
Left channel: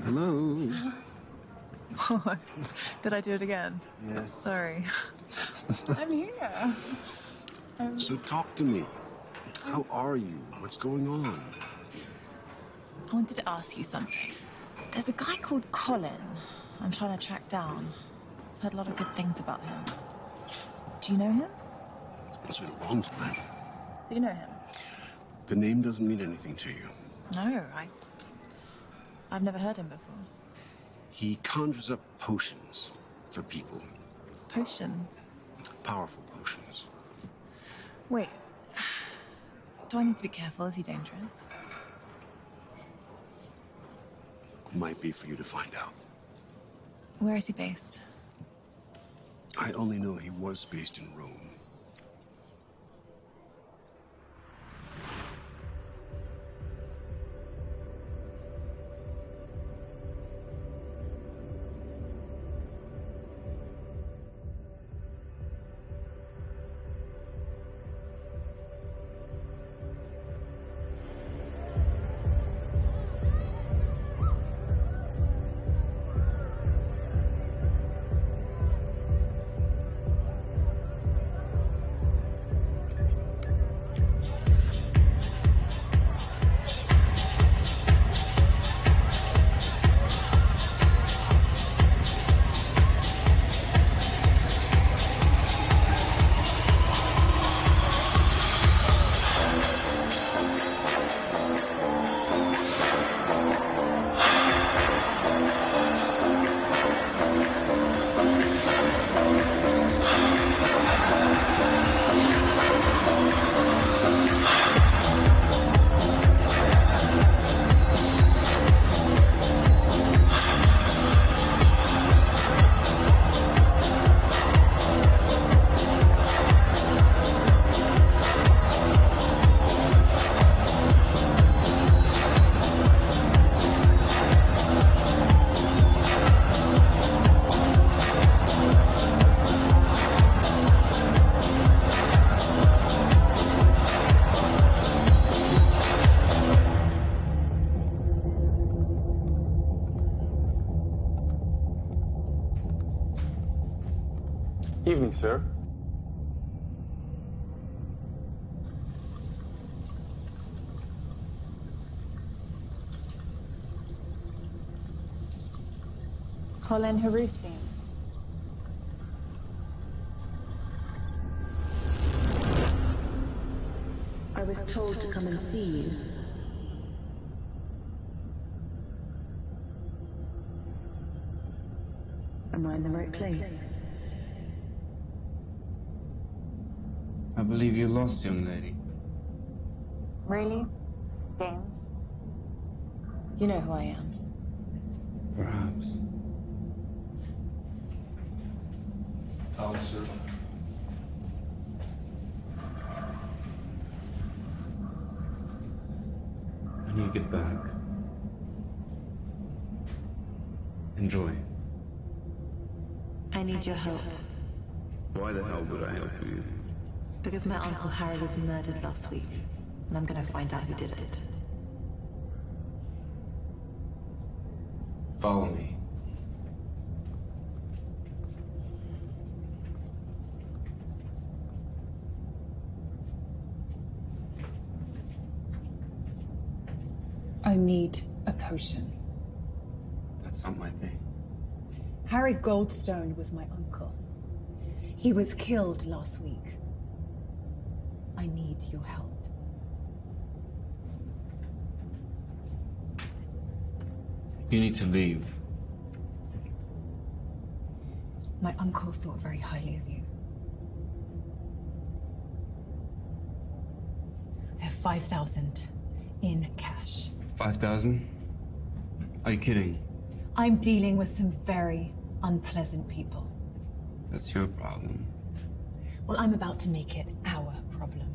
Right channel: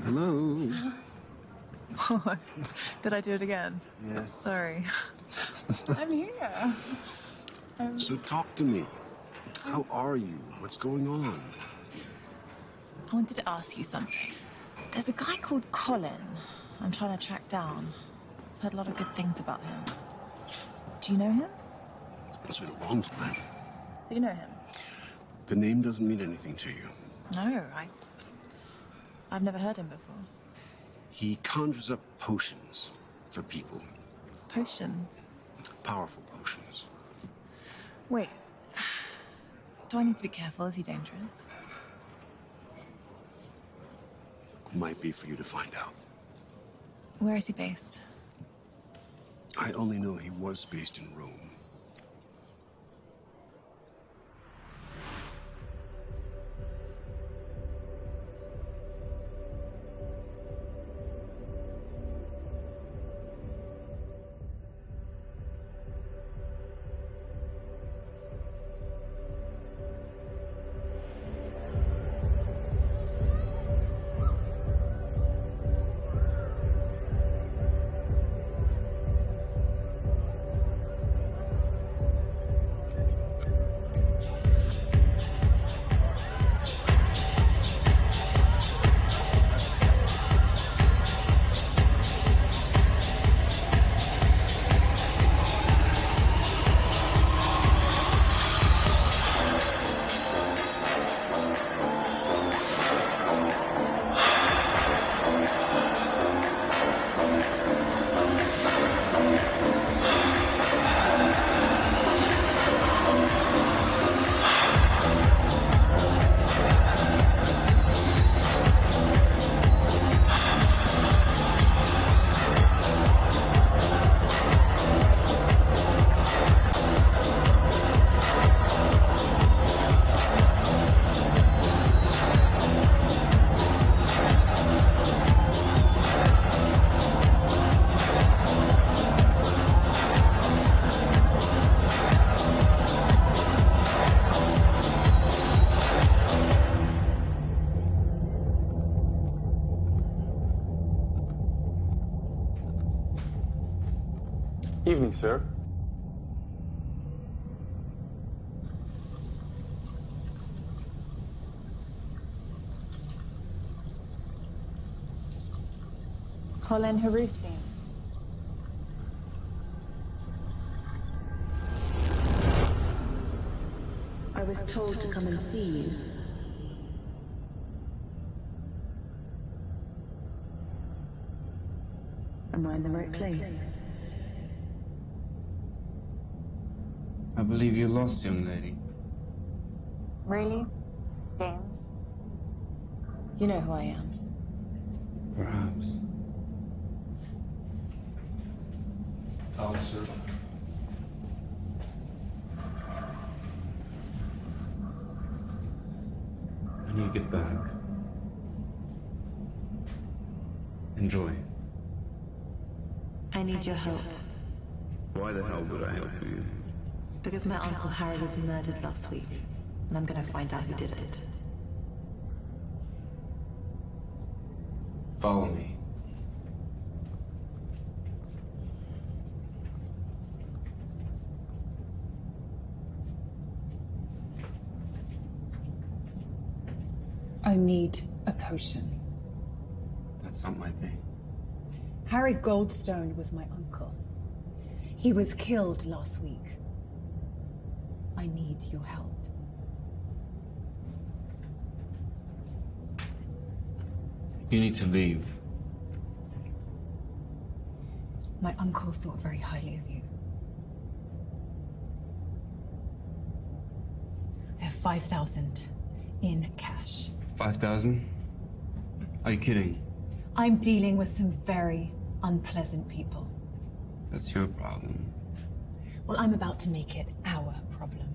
Hello? What? Did I do it again? Yes. Sorry. I'm here. So talk to me. How are you? What's going on? I wanted to ask you something. There's a guy called Colin I'm trying to track down. I've heard a lot of good things about him. Do you know him? It's been a long time. So you know him? The name doesn't mean anything to you. No, I've never heard him before. He conjures up potions for people. Potions? Powerful potions. Wait. Do I need to be careful? Is he dangerous? Might be for you to find out. Where is he based? I only know he was based in Rome. Evening, sir. Colin Harusi. I was told to come and see you. Am I in the right place? I believe you're lost, young lady. Really? James? You know who I am. Perhaps. Sir. I need to get back. Enjoy. I need your help. Why the hell would I help you? Because my Uncle Harry was murdered last week, and I'm gonna find out who did it. Follow me. I need a potion. That's not my thing. Harry Goldstone was my uncle. He was killed last week. I need your help. You need to leave. My uncle thought very highly of you. I have 5,000 in cash. 5,000? Are you kidding? I'm dealing with some very unpleasant people. That's your problem. Well, I'm about to make it our problem.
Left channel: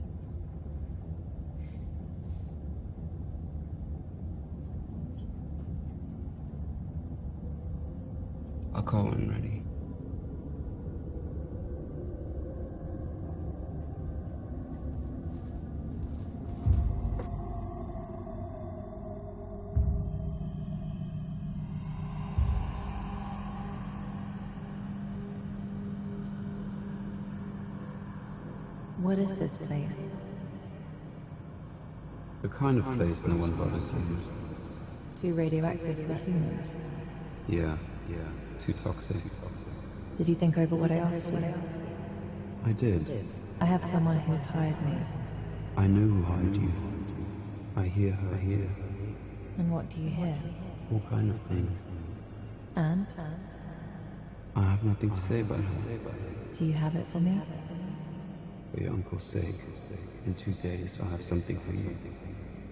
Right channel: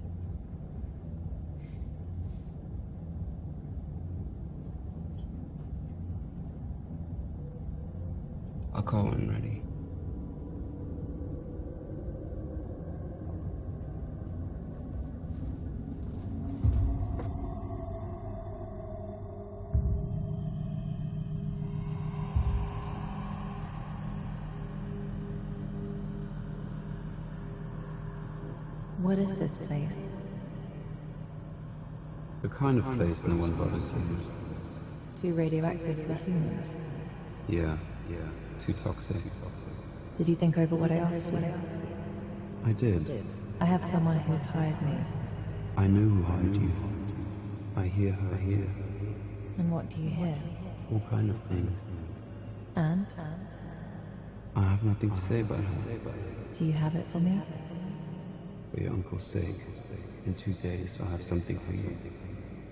I'll call when ready. What is this place? The kind of place no one bothers you. Too radioactive for humans. Yeah. Too toxic. Did you think over what I asked you? I did. I have someone who's hired me. I know who hired you. I hear her here. And what do you hear? All kind of things. And? I have nothing to say about her. Do you have it for me? For your uncle's sake. In 2 days, I'll have something for you.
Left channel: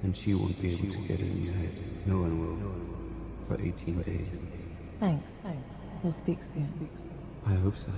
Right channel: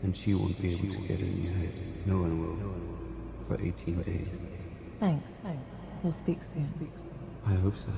And she won't be able to get it in your head. No one will. For 18 days. Thanks. We'll speak soon. I hope so.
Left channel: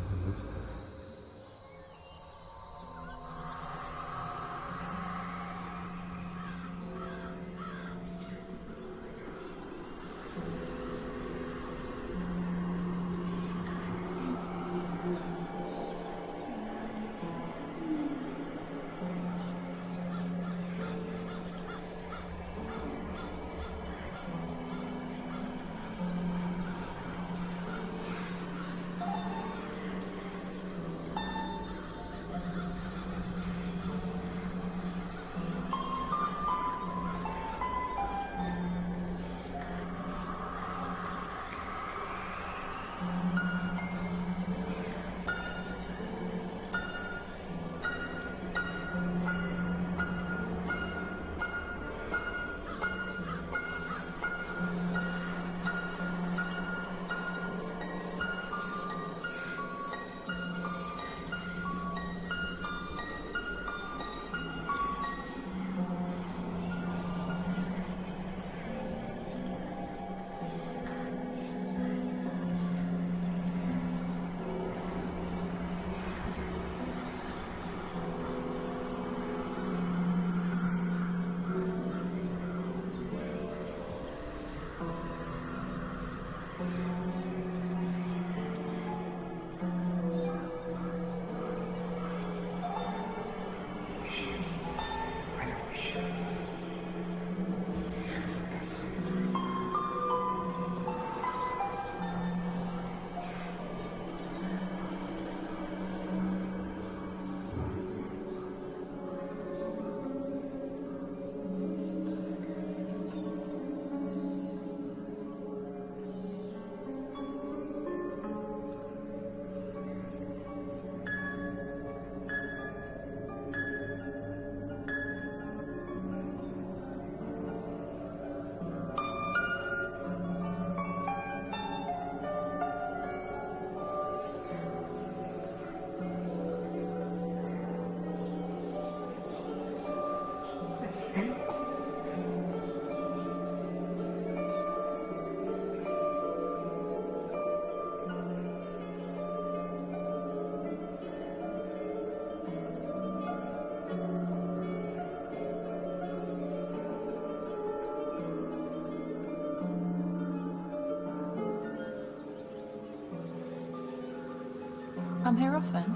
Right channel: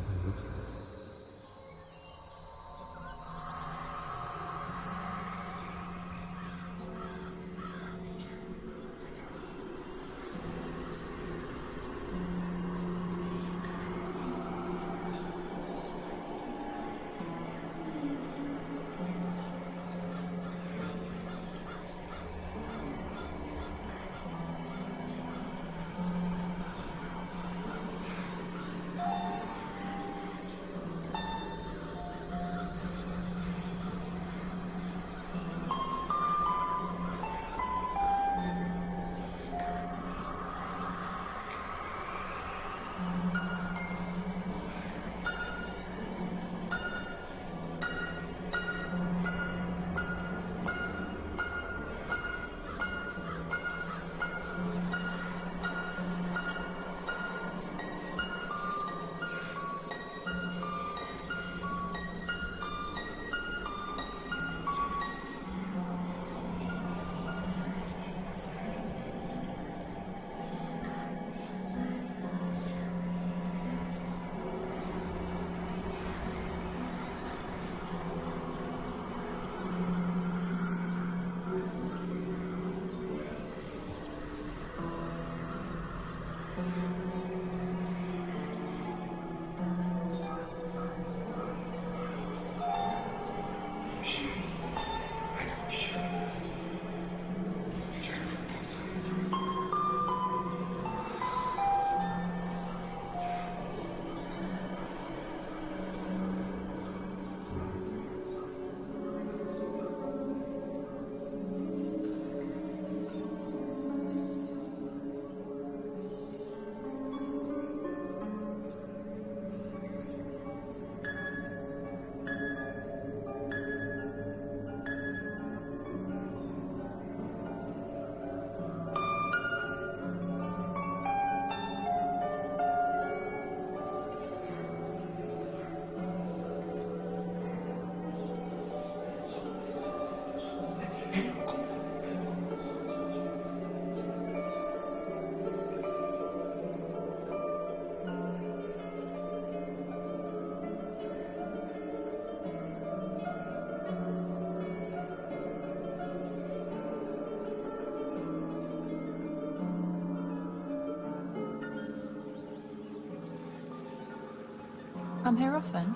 Come here often?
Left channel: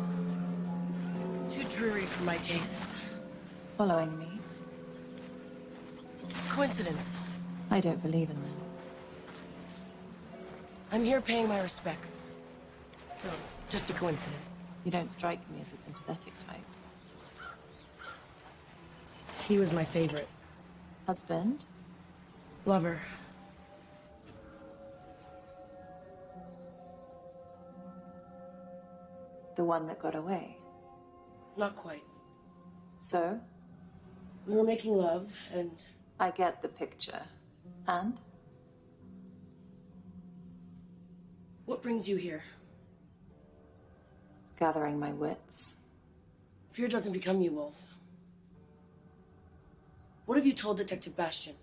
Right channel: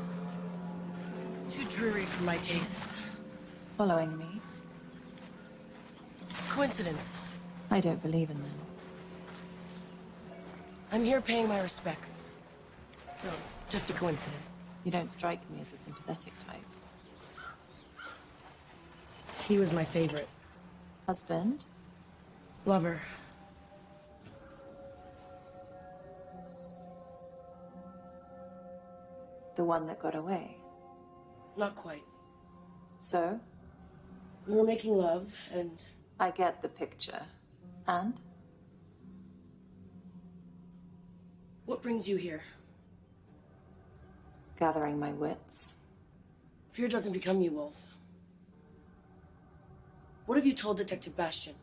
Too dreary for my taste. Following me? Coincidence. I don't believe in them. I'm here paying my respects. So, just a coincidence. You don't strike me as a sympathetic type. He was my favorite. Husband? Lover. The one that got away? Not quite. So? We were making love, and... I get the picture. And? What brings you here? Gathering my wits. Fear doesn't become you, Wolf. What have you told Detective Bastian?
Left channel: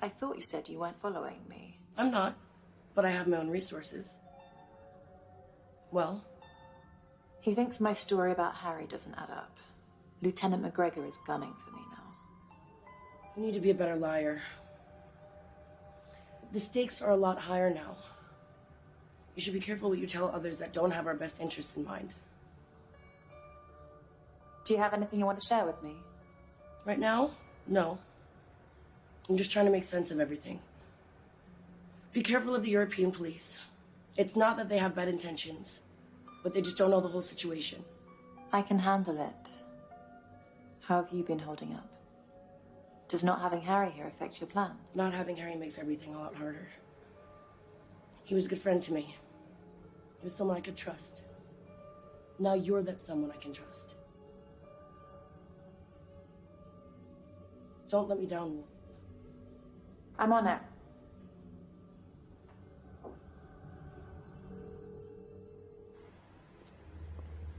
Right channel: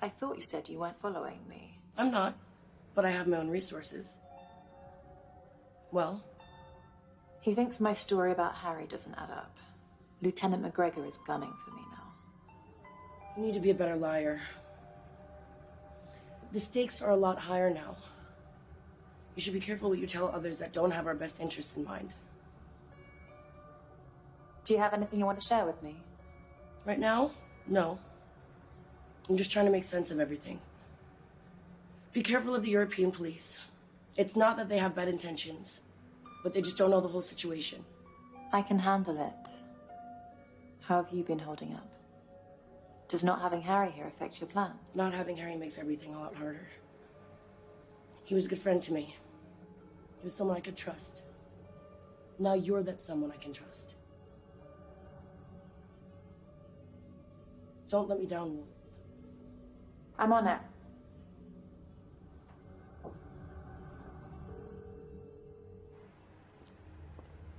I thought you said you weren't following me. I'm not, but I have my own resources. Well? He thinks my story about Harry doesn't add up. Lieutenant McGregor is gunning for me now. You need to be a better liar. The stakes are a lot higher now. You should be careful what you tell others that don't have our best interests in mind. Do you have anything you want to share with me? Right now? No. I'm just trying to make sense of everything. Be careful of the European police. It's not that they have bad intentions, but they just don't know the whole situation. I can handle it. How have you been holding up? Does not having Harry here affect your plan? Not having Harry makes everything a lot harder. He was a good friend to me. He was someone I could trust. Now you're that someone I can trust. Don't let me down, Wolf. I'm on it.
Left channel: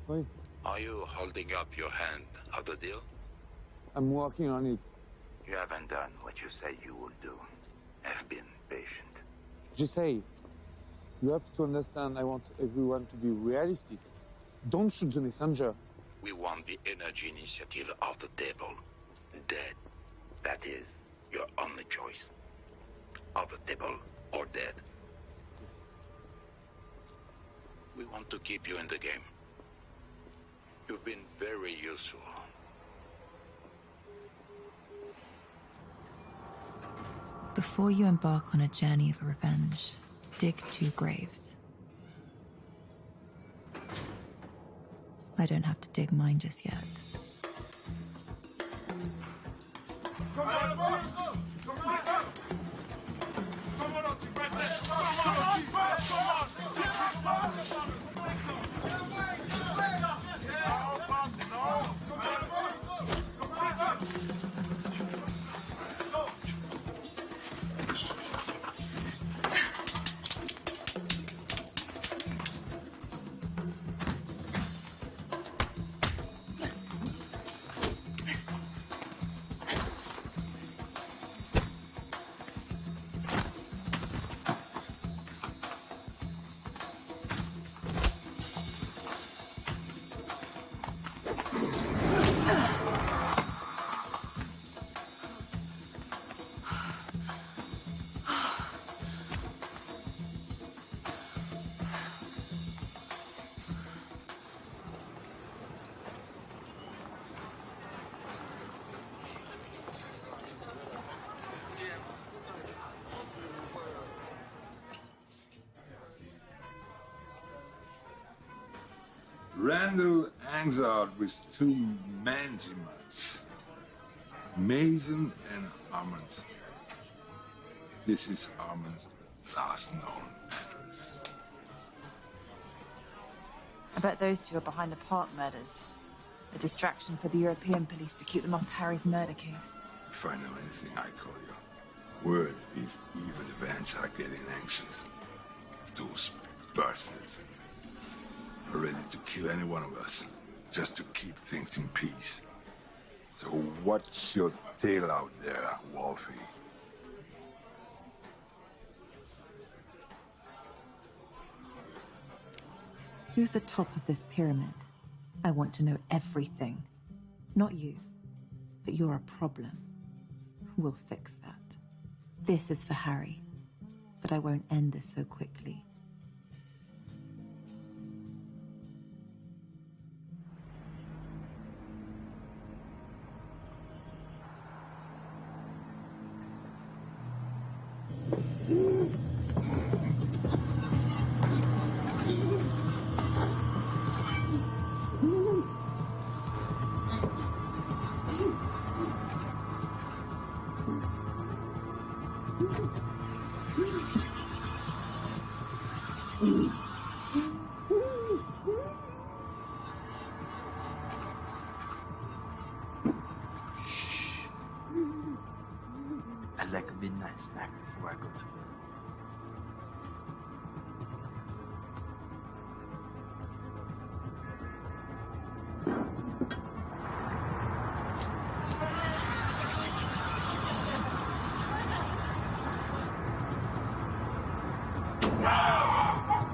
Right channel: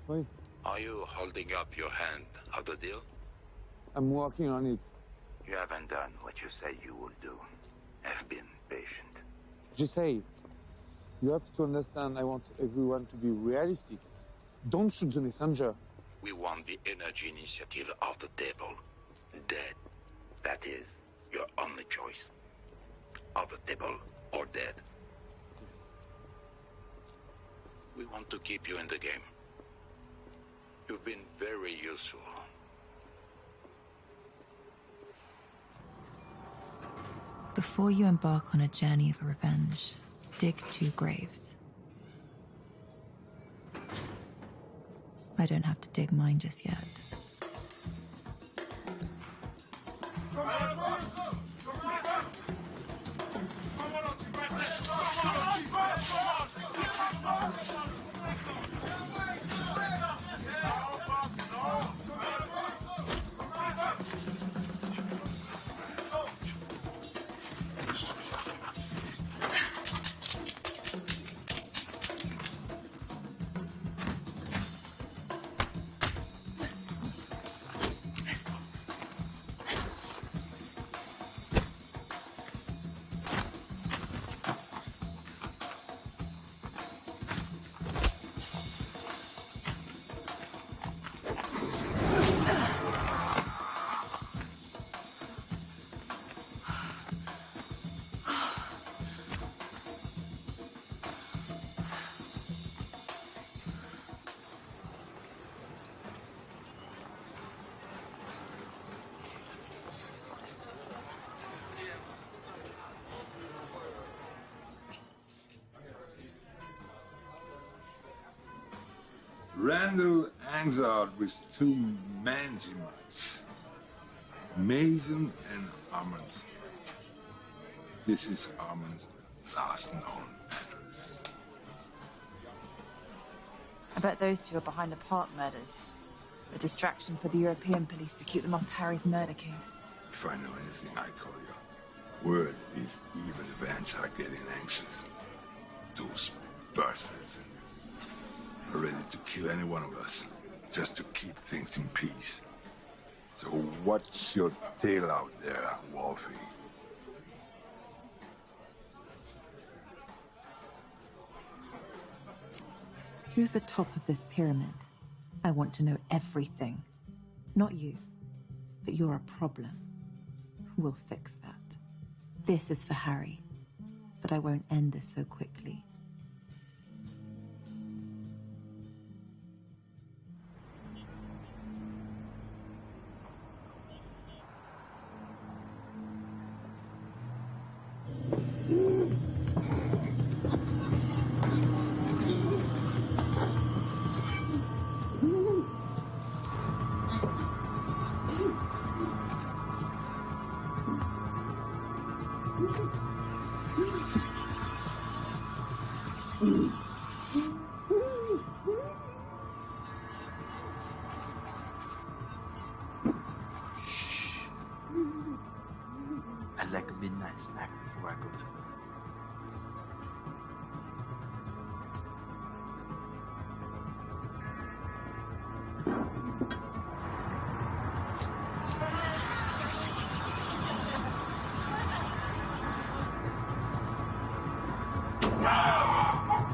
Wait, Are you holding up your hand of the deal? I'm working on it. You haven't done what you said you would do. Have been patient. Jesse, you have to understand I want everyone to be realistic. Don't shoot the messenger. We want the energy initiative off the table. Dead. That is your only choice. Off the table or dead. Yes. We want to keep you in the game. You've been very useful. Before you embark on a journey of revenge, dig 2 graves. I don't have to dig mine just yet. Randall hangs out with 2 Manjimats, Mason and Armand. This is Armand's last known address. I bet those 2 are behind the Park murders. A distraction for the European police to keep them off Harry's murder case. If I know anything, I call you. Word is even events are getting anxious. Those bastards are ready to kill any one of us, just to keep things in peace. So watch your tail out there, Wolfie. Who's the top of this pyramid? I want to know everything. Not you, but you're a problem. We'll fix that. This is for Harry, but I won't end this so quickly. I like a midnight snack before I go to bed.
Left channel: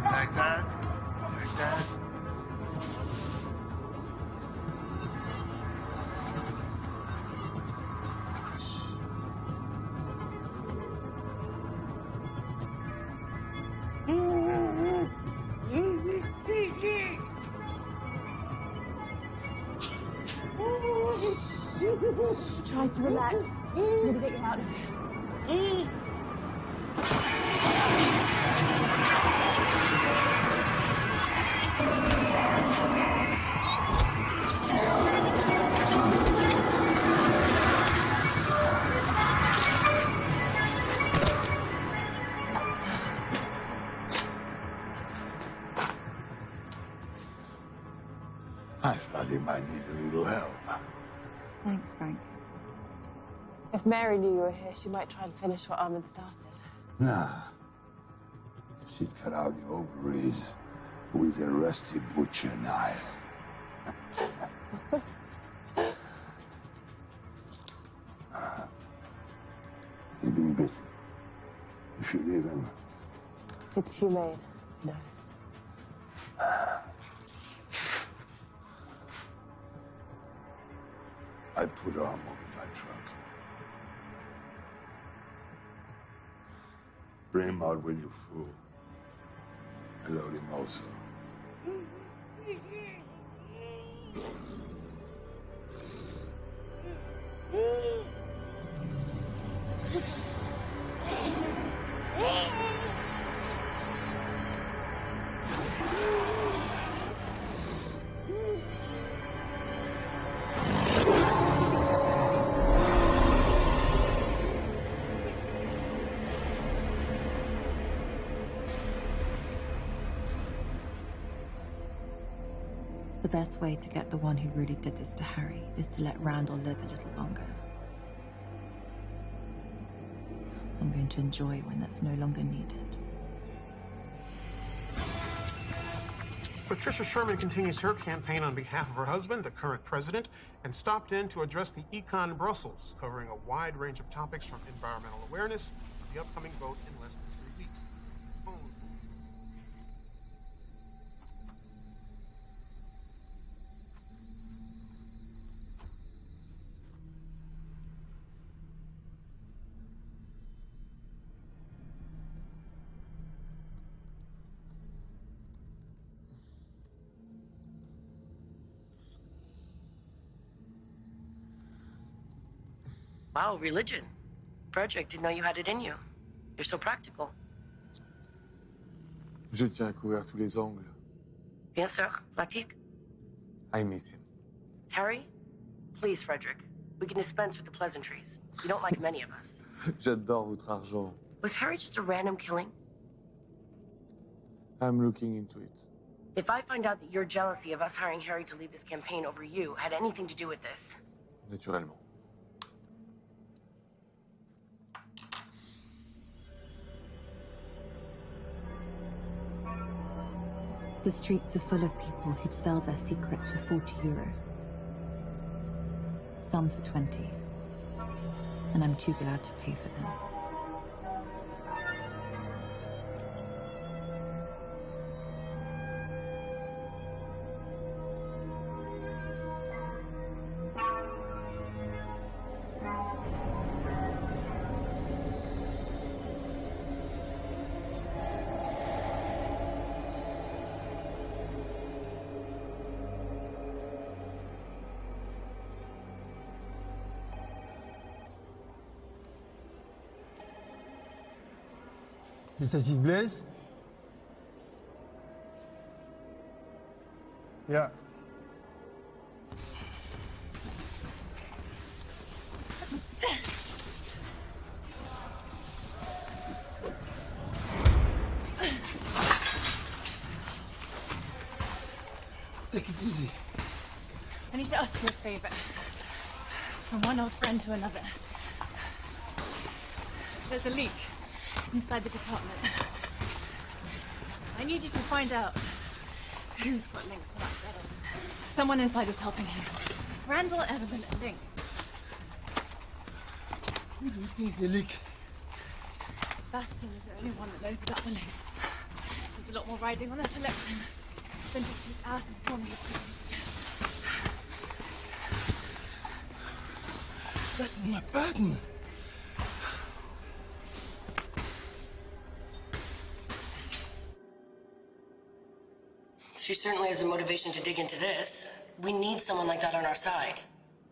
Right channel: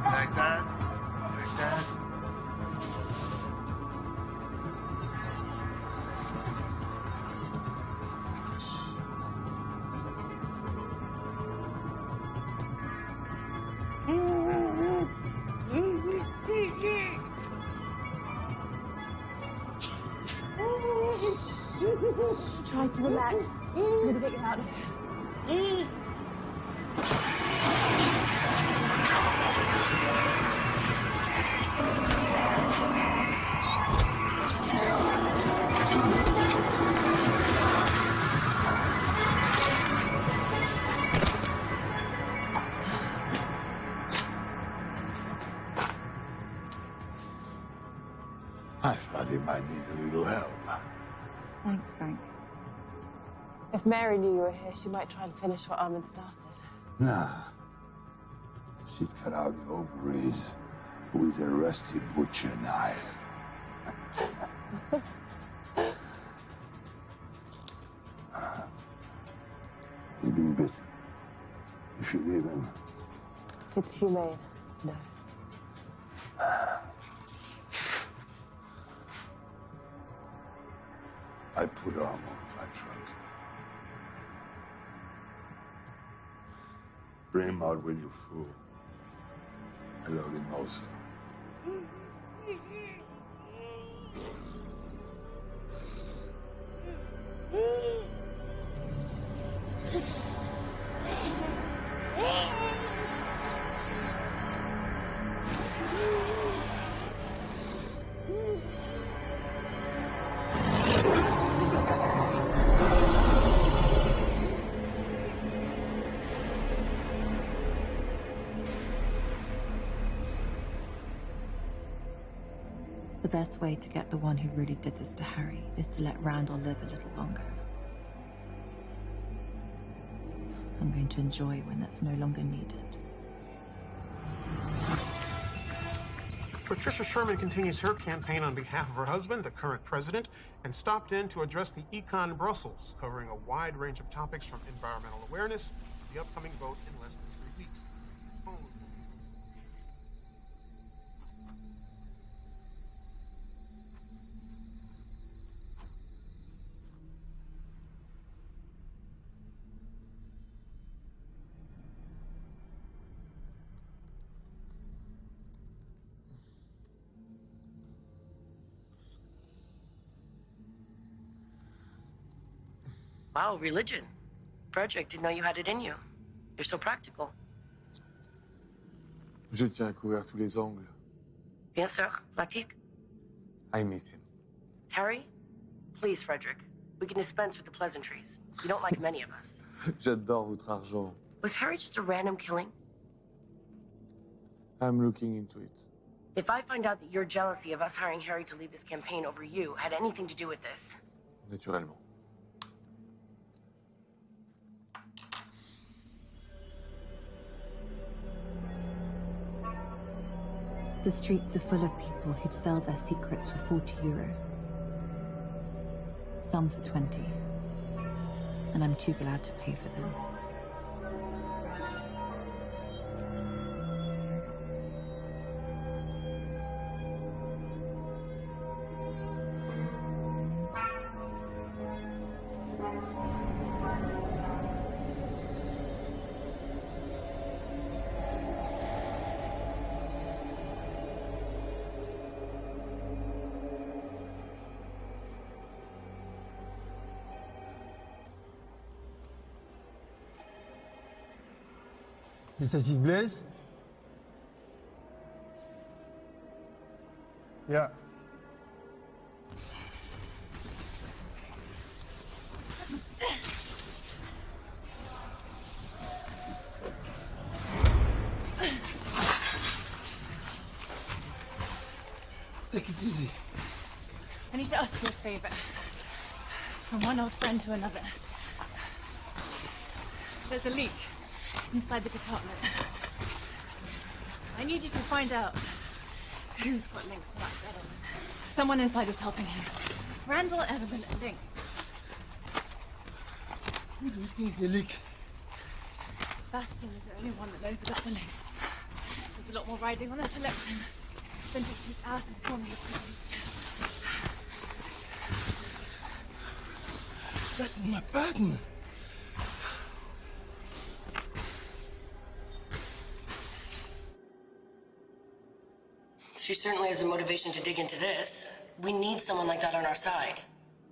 Like that? Like that? Try to relax. I'm gonna get you out of here. I thought he might need a little help. Thanks, Frank. If Mary knew you were here, she might try and finish what Armin started. Nah. She's cut out the ovaries with a rusty butcher knife. He's been bitten. You should leave him. It's humane. No. I put arm over my trunk. Bring him out when you're full. I load him also. The best way to get the one who really did this to Harry is to let Randall live a little longer. I'm going to enjoy when that's no longer needed. Patricia Sherman continues her campaign on behalf of her husband, the current president, and stopped in to address the Econ Brussels, covering a wide range of topics from environmental awareness to the upcoming vote in less than 3 weeks. Wow, religion. Frederick, didn't know you had it in you. You're so practical. Je tiens à couvrir tous les angles. Bien sûr, pratique. I miss him. Harry, please, Frederick. We can dispense with the pleasantries. You don't like many of us. J'adore votre argent. Was Harry just a random killing? I'm looking into it. If I find out that your jealousy of us hiring Harry to lead this campaign over you had anything to do with this... Naturellement. The streets are full of people who'd sell their secrets for €40. Some for 20. And I'm too glad to pay for them. Detective Blaise? Yeah. Take it easy. I need to ask you a favor. From one old friend to another. There's a leak inside the department. I need you to find out who's got links to Max Edelman. Someone inside is helping him. Randall, Edelman, and Link. Who do you think is the leak? Bastion is the only one that knows about the link. There's a lot more riding on this election than just whose ass is warming the prisons. That is my partner. She certainly has the motivation to dig into this. We need someone like that on our side.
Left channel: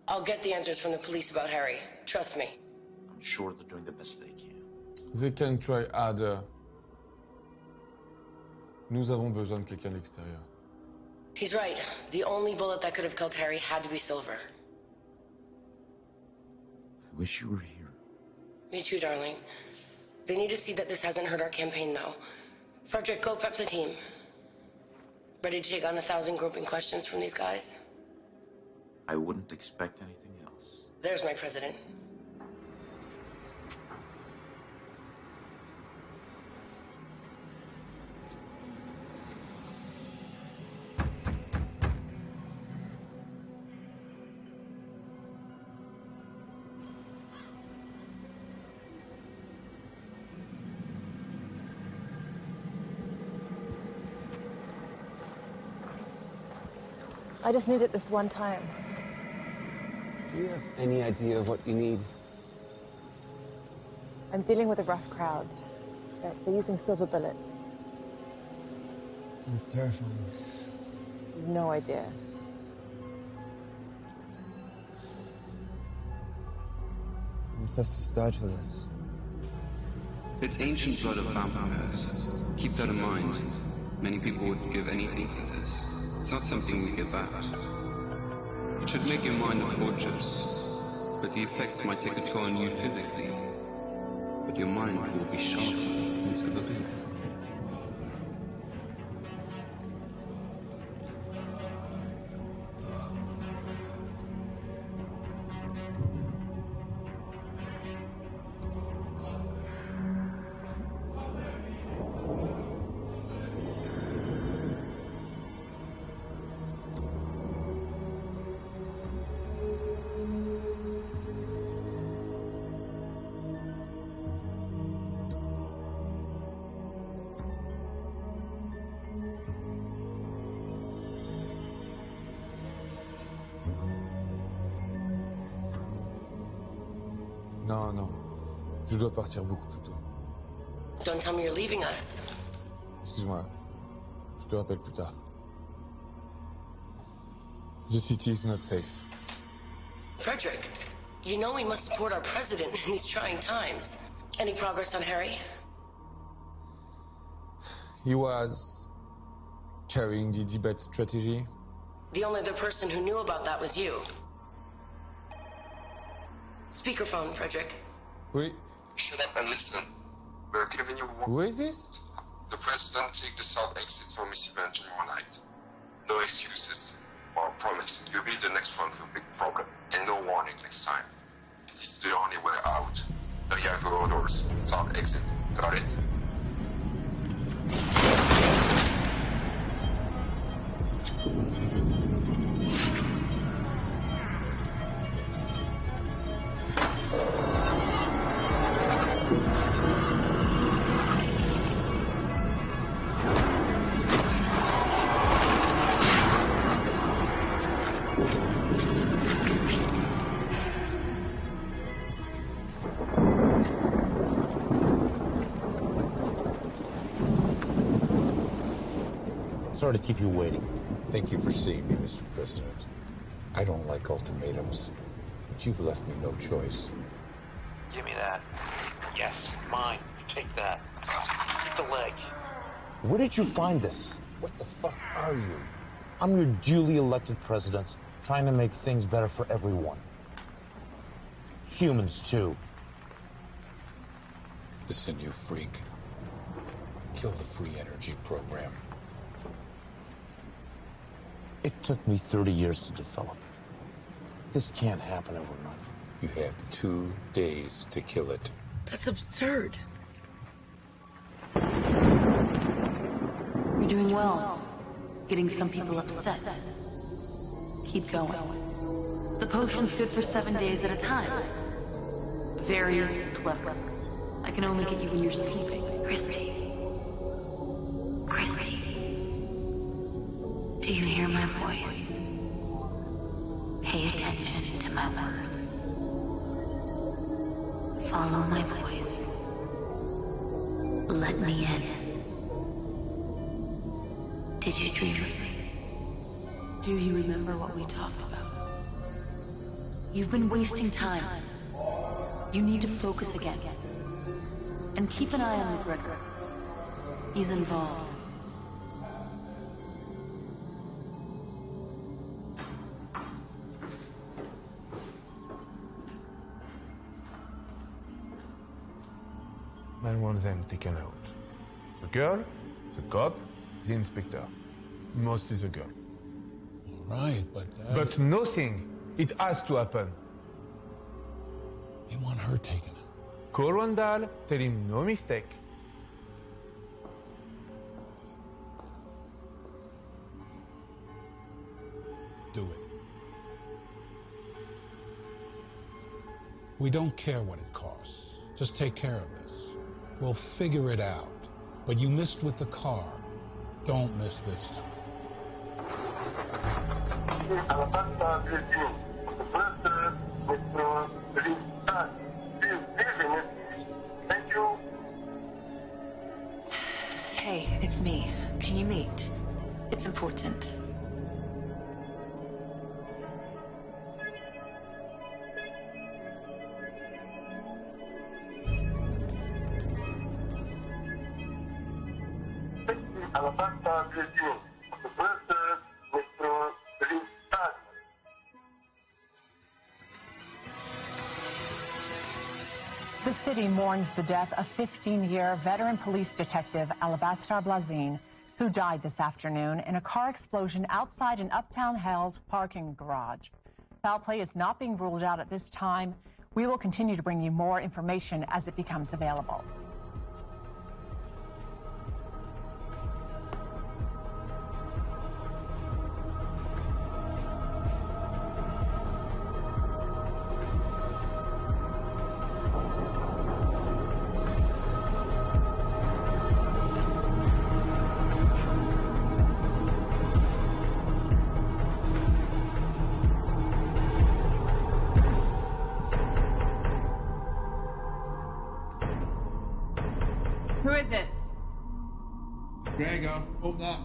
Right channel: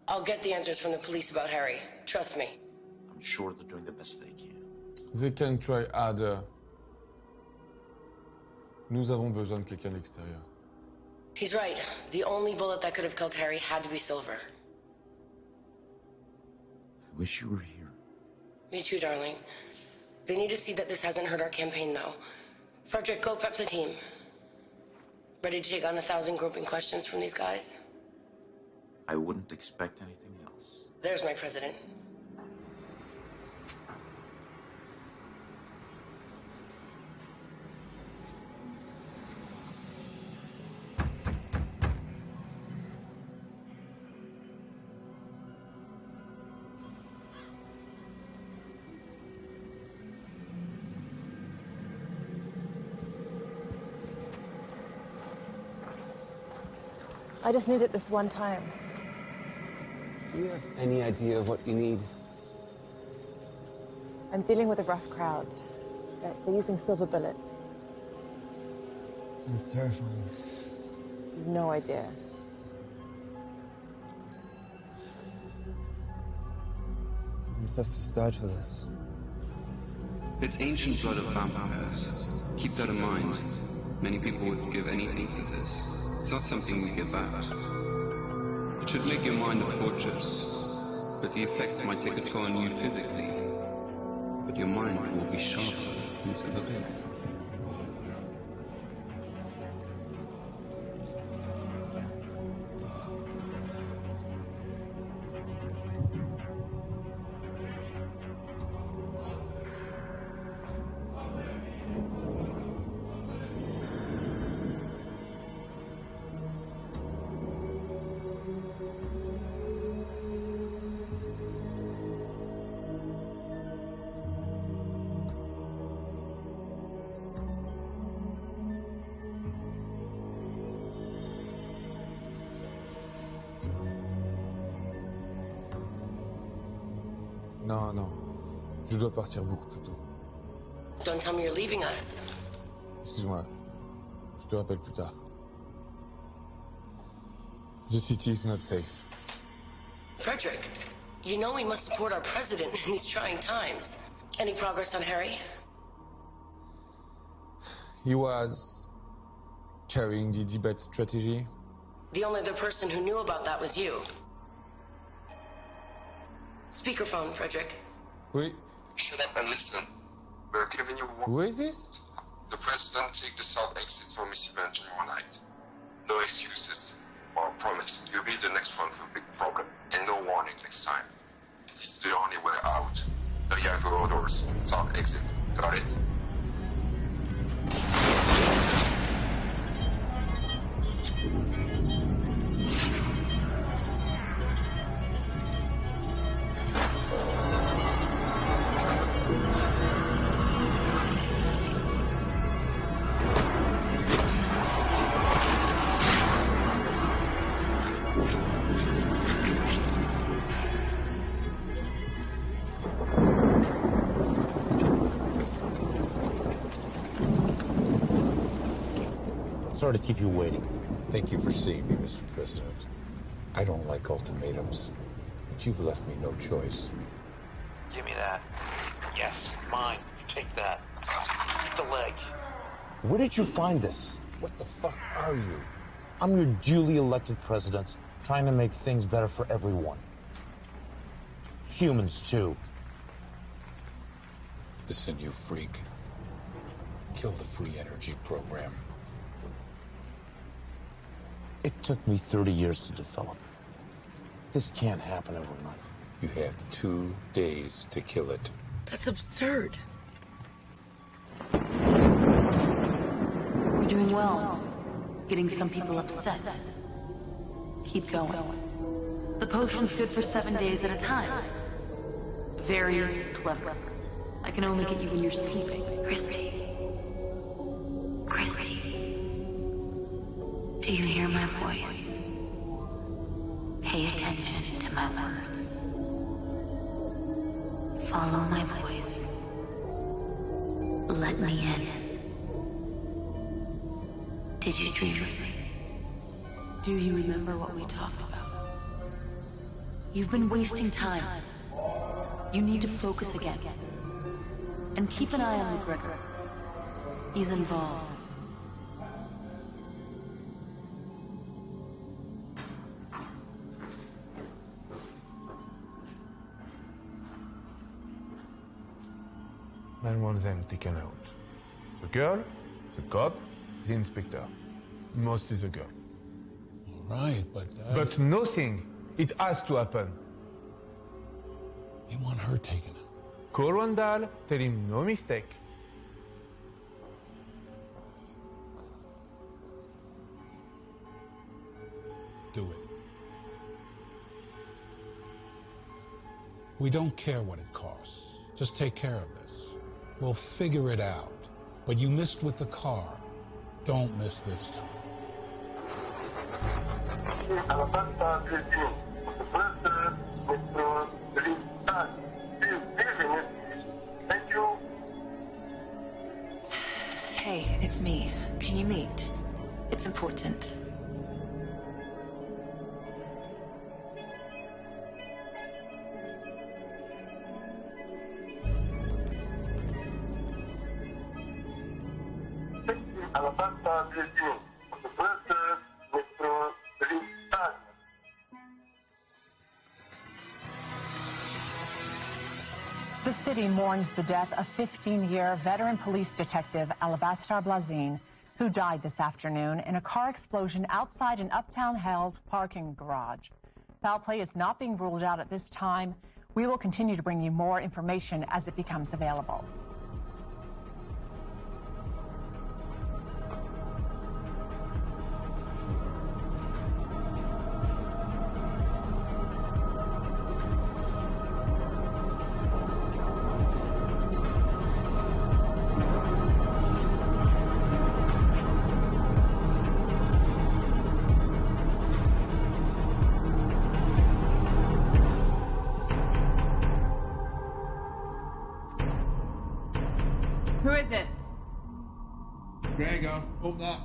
I'll get the answers from the police about Harry. Trust me. I'm sure they're doing the best they can. They can try harder. Nous avons besoin de quelqu'un de l'extérieur. He's right. The only bullet that could have killed Harry had to be Silver. I wish you were here. Me too, darling. They need to see that this hasn't hurt our campaign, though. Frederick, go prep the team. Ready to take on 1,000 groping questions from these guys? I wouldn't expect anything else. There's my president. I just need it this one time. Do you have any idea of what you need? I'm dealing with a rough crowd. They're using silver bullets. Sounds terrifying. You've no idea. Ancestors died for this. It's ancient blood of vampires. Keep that in mind. Many people would give anything for this. It's not something we give out. It should make your mind a fortress, but the effects might take a toll on you physically. But your mind will be sharper than it's ever been. Non, non. Je dois partir beaucoup plus tôt. Don't tell me you're leaving us. Excuse-moi. Je te rappelle plus tard. The city is not safe. Frederick, you know we must support our president in these trying times. Any progress on Harry? He was carrying the debate strategy. The only other person who knew about that was you. Speakerphone, Frederick. Oui. Shut up and listen. We're giving you one. Who is this? The president take the south exit for Miss Event tomorrow night. No excuses. Or promise. You'll be the next one for a big problem. And no warning next time. This is the only way out. Now you have your orders. South exit. Got it? Sorry to keep you waiting. Thank you for seeing me, Mr. President. I don't like ultimatums, but you've left me no choice. Give me that. Yes, mine. Take that. Keep the leg. Where did you find this? What the fuck are you? I'm your duly elected president, trying to make things better for everyone. Humans, too. Listen, you freak. Kill the free energy program. It took me 30 years to develop. This can't happen overnight. You have 2 days to kill it. That's absurd. You're doing well. Getting some people upset. Keep going. The potion's good for 7 days at a time. Very clever. I can only get you when you're sleeping. Christy. Christy. Do you hear my voice? Pay attention to my words. Follow my voice. Let me in. Did you dream of me? Do you remember what we talked about? You've been wasting time. You need to focus again. And keep an eye on McGregor. He's involved. Man wants them taken out. The girl, the cop, the inspector. Mostly the girl. Right, but... But nothing It has to happen. They want her taken out. Call Randall, tell him no mistake. Do it. We don't care what it costs. Just take care of this. We'll figure it out. But you missed with the car. Don't miss this time. Thank you. Hey, it's me. Can you meet? It's important. The city mourns the death of 15-year veteran police detective Alabaster Blazin, who died this afternoon in a car explosion outside an Uptown Held parking garage. Foul play is not being ruled out at this time. We will continue to bring you more information as it becomes available. Who is it? Gregor, open up.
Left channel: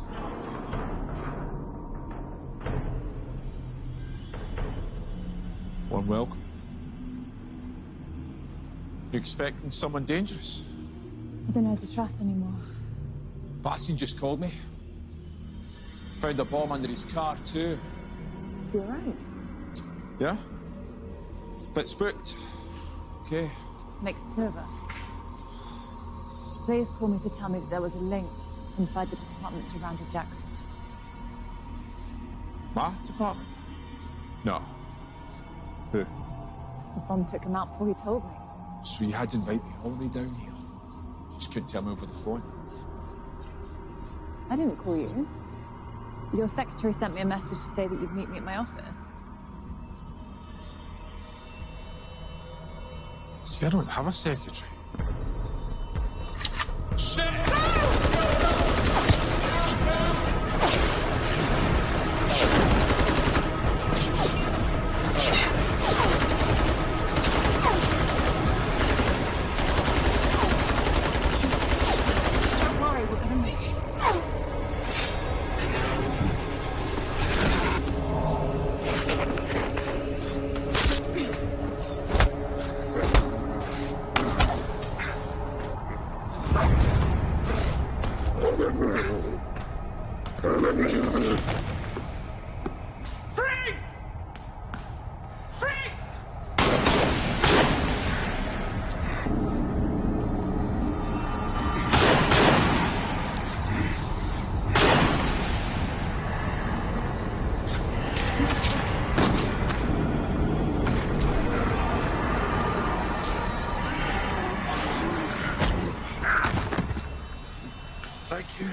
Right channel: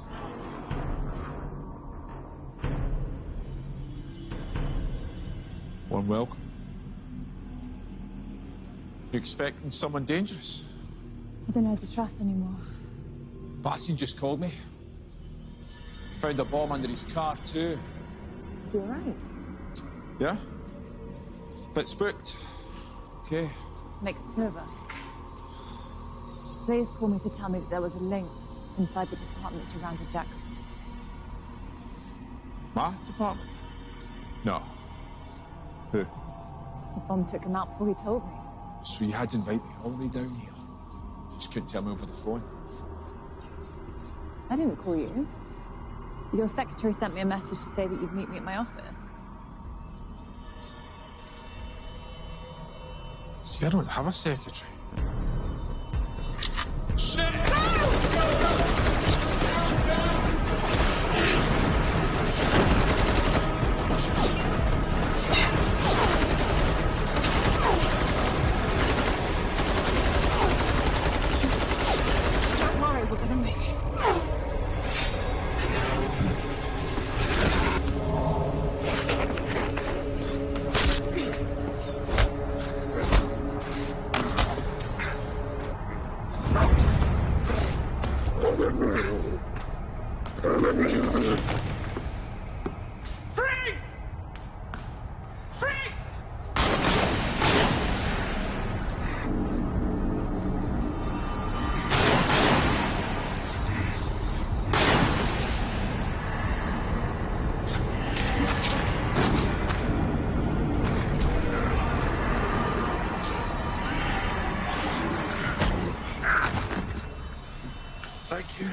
Warm welcome. You expecting someone dangerous? I don't know how to trust anymore. Bastian just called me. Found a bomb under his car, too. Is he alright? Yeah? Bit spooked. Okay. Makes two of us. Blaze called me to tell me that there was a link inside the department to Randall Jackson. My department? No. Who? The bomb took him out before he told me. So you had to invite me all the way down here. Just couldn't tell me over the phone. I didn't call you. Your secretary sent me a message to say that you'd meet me at my office. See, I don't have a secretary. Shit! Don't worry, we're gonna make it. Thank you.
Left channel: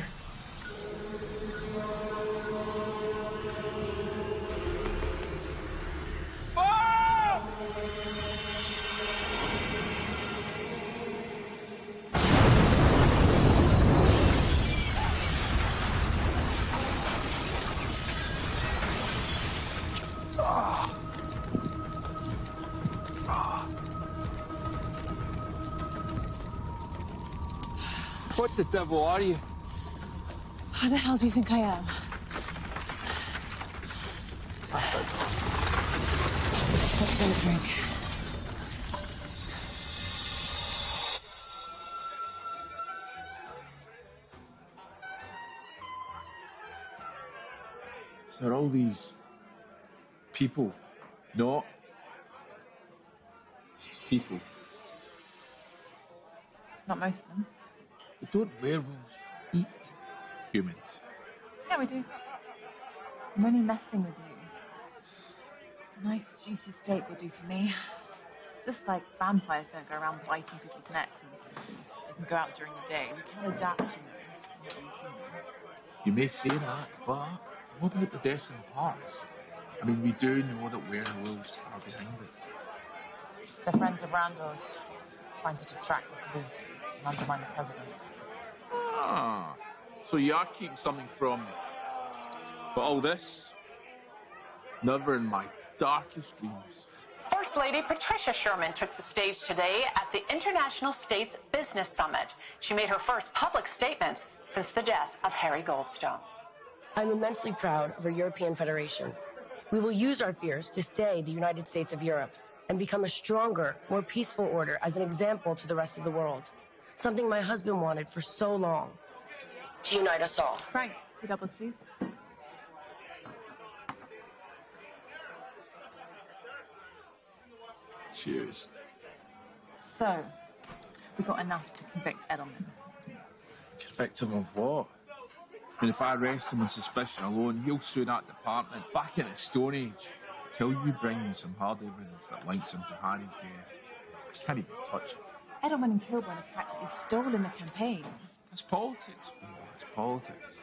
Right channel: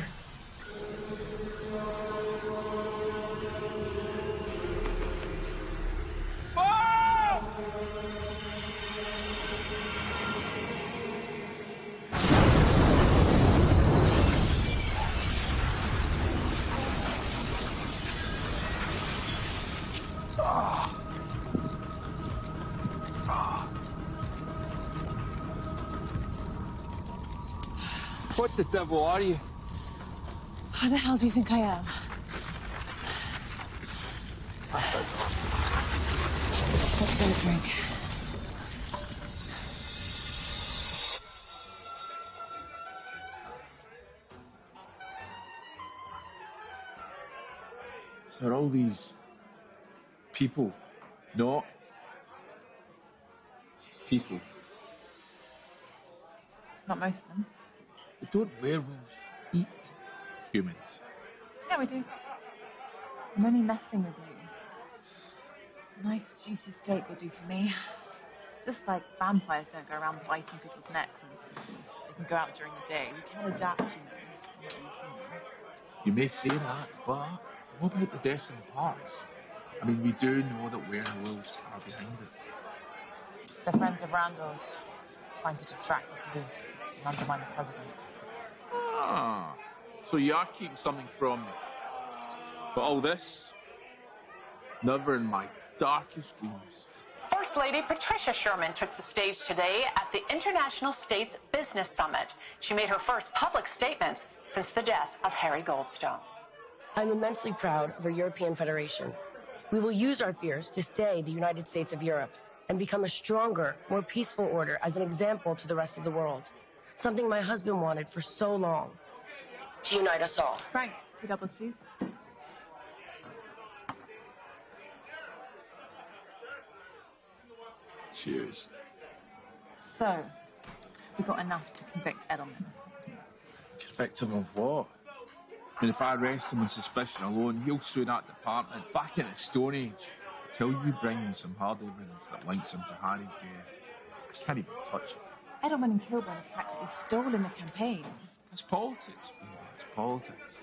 What the devil are you? Who the hell do you think I am? Let's get a drink. So are all these people not people? Not most of them. But don't werewolves eat humans? Yeah, we do. I'm only messing with you. A nice juicy steak will do for me. Just like vampires don't go around biting people's necks and they can go out during the day. We can adapt, you know, to what we humans. You may say that, but what about the deaths in the parks? I mean, we do know that werewolves are behind it. They're friends of Randall's, trying to distract the police and undermine the president. Ah, so you are keeping something from me. But all this, never in my darkest dreams. First Lady Patricia Sherman took the stage today at the International States Business Summit. She made her first public statements since the death of Harry Goldstone. I'm immensely proud of our European Federation. We will use our fears to stay the United States of Europe and become a stronger, more peaceful order as an example to the rest of the world. Something my husband wanted for so long. To unite us all. Frank, 2 doubles, please. Cheers. So, we got enough to convict Edelman. Convict him of what? I mean, if I arrest him on suspicion alone, he'll sue that department back in the Stone Age. Till you bring me some hard evidence that links him to Harry's death, I can't even touch it. Edelman and Kilburn have practically stolen the campaign. That's politics, baby. It's politics.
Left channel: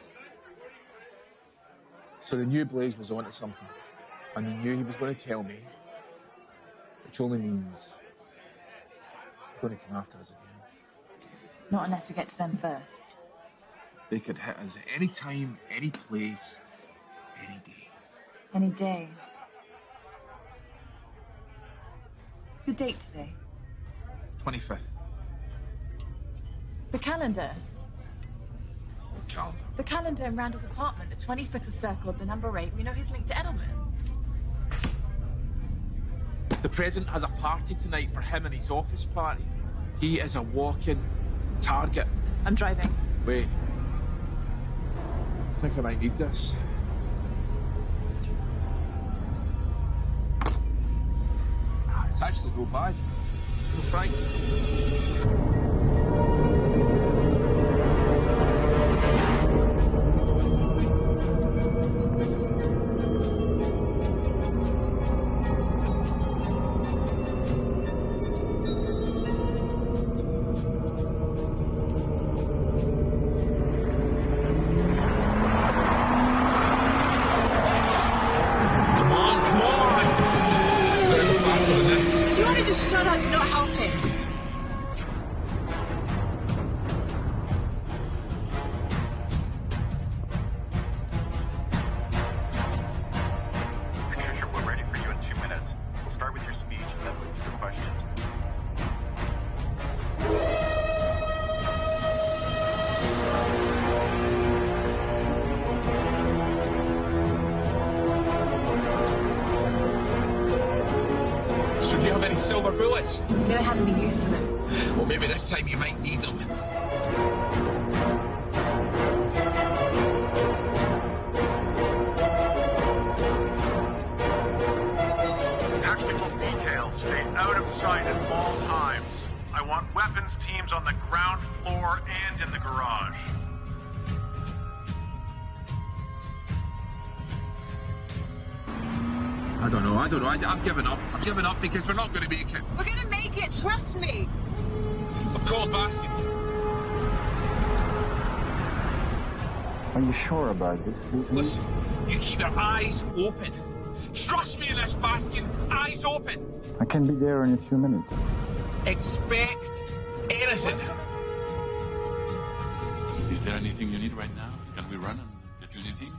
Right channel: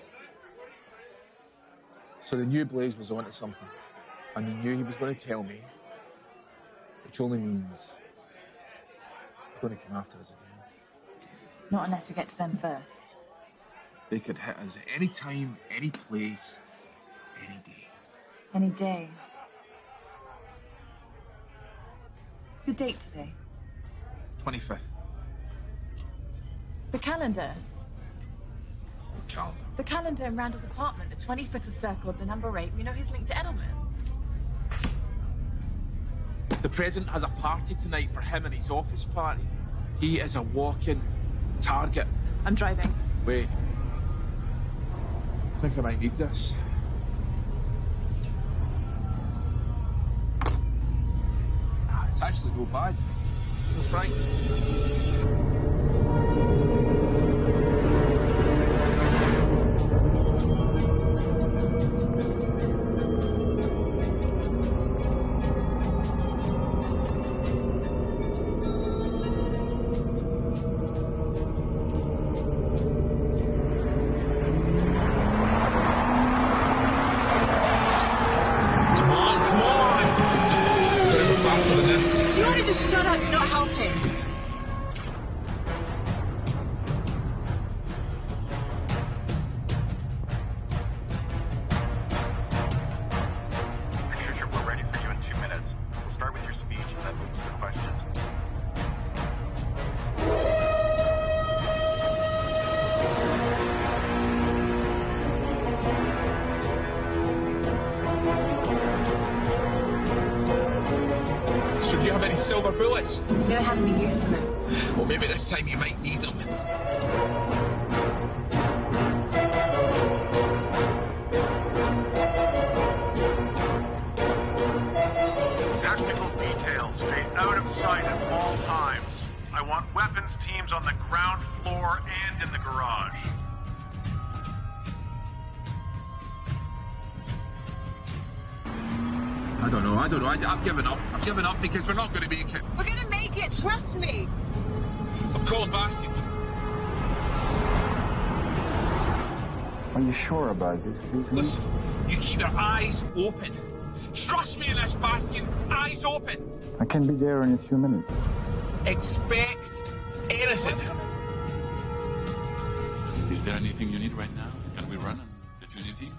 So they knew Blaze was onto something, and they knew he was going to tell me, which only means they're going to come after us again. Not unless we get to them first. They could hit us at any time, any place, any day. Any day. What's the date today? 25th. The calendar. What calendar? The calendar in Randall's apartment. The 25th was circled, the number 8. We know he's linked to Edelman. The president has a party tonight for him and his office party. He is a walking target. I'm driving. Wait. I think I might need this. It's actually no bad. No, Frank. Do you want to just shut up? You're not helping. Patricia, we're ready for you in 2 minutes. We'll start with your speech and then move to the questions. So do you have any silver bullets? Never had any use for them. Well, maybe this time you might need them. Tactical details stay out of sight at all times. I want weapons teams on the ground floor and in the garage. I don't know. I've given up. I've given up because we're not going to make it. We're going to make it. Trust me. I'm calling Bastian. Are you sure about this, Lieutenant? Listen, you keep your eyes open. Trust me in this, Bastian. Eyes open. I can be there in a few minutes. Expect anything. Is there anything you need right now? Can we run and get you anything?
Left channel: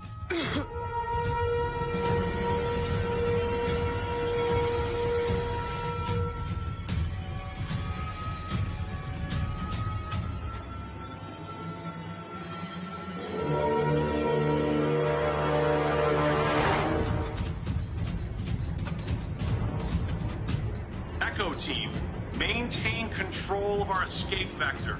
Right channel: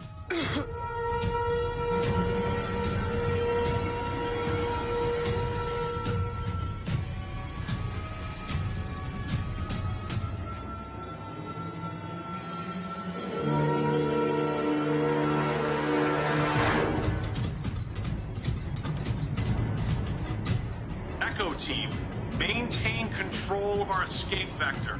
Echo team, maintain control of our escape vector.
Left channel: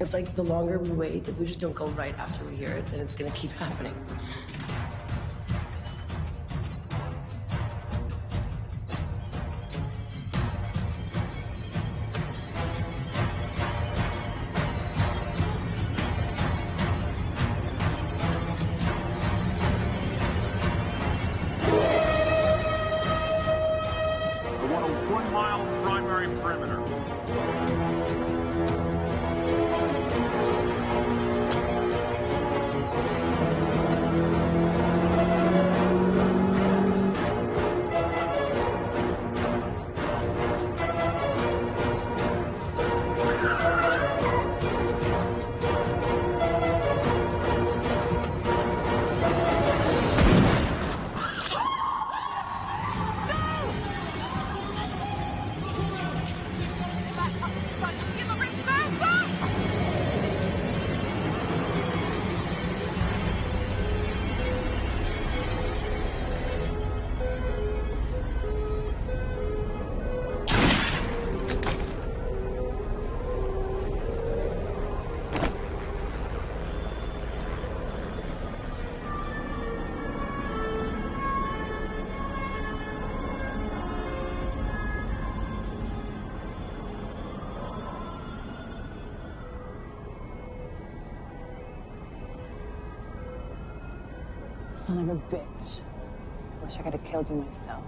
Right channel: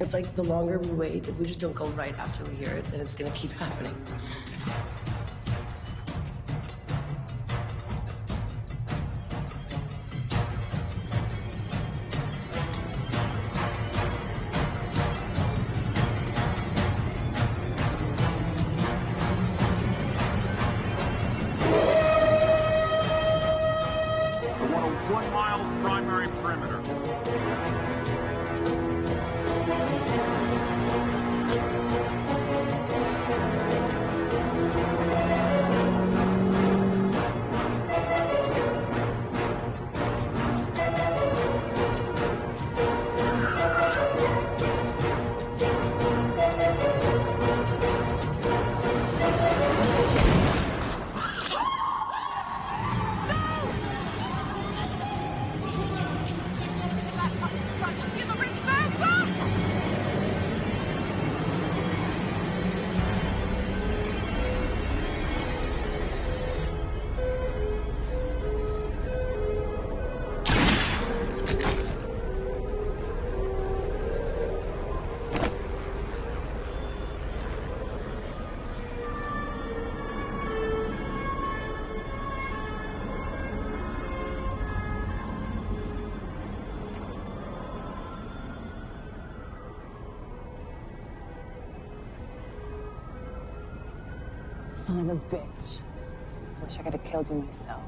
It's like the longer we wait, if we just don't go right after we hear it, then it's going to keep happening. want a 1-mile primary perimeter. Son of a bitch. Wish I could have killed you myself.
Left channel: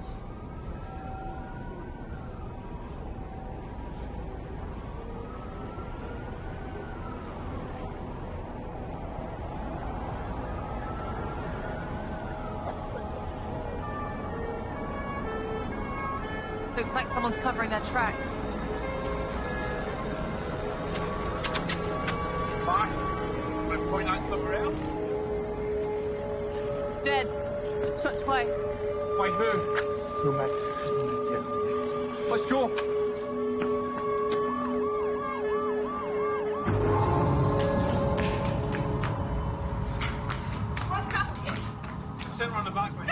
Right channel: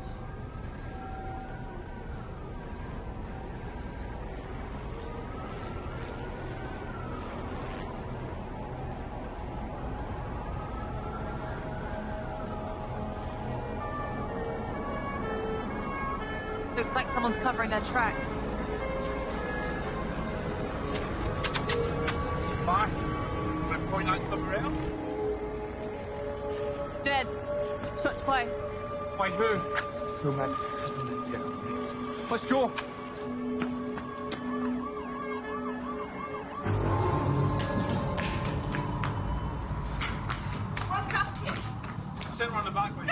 Looks like someone's covering their tracks. Fast. Will it point out somewhere else? Dead. Shot twice. By who? So Matt, yeah. Let's go. Sit around the back way.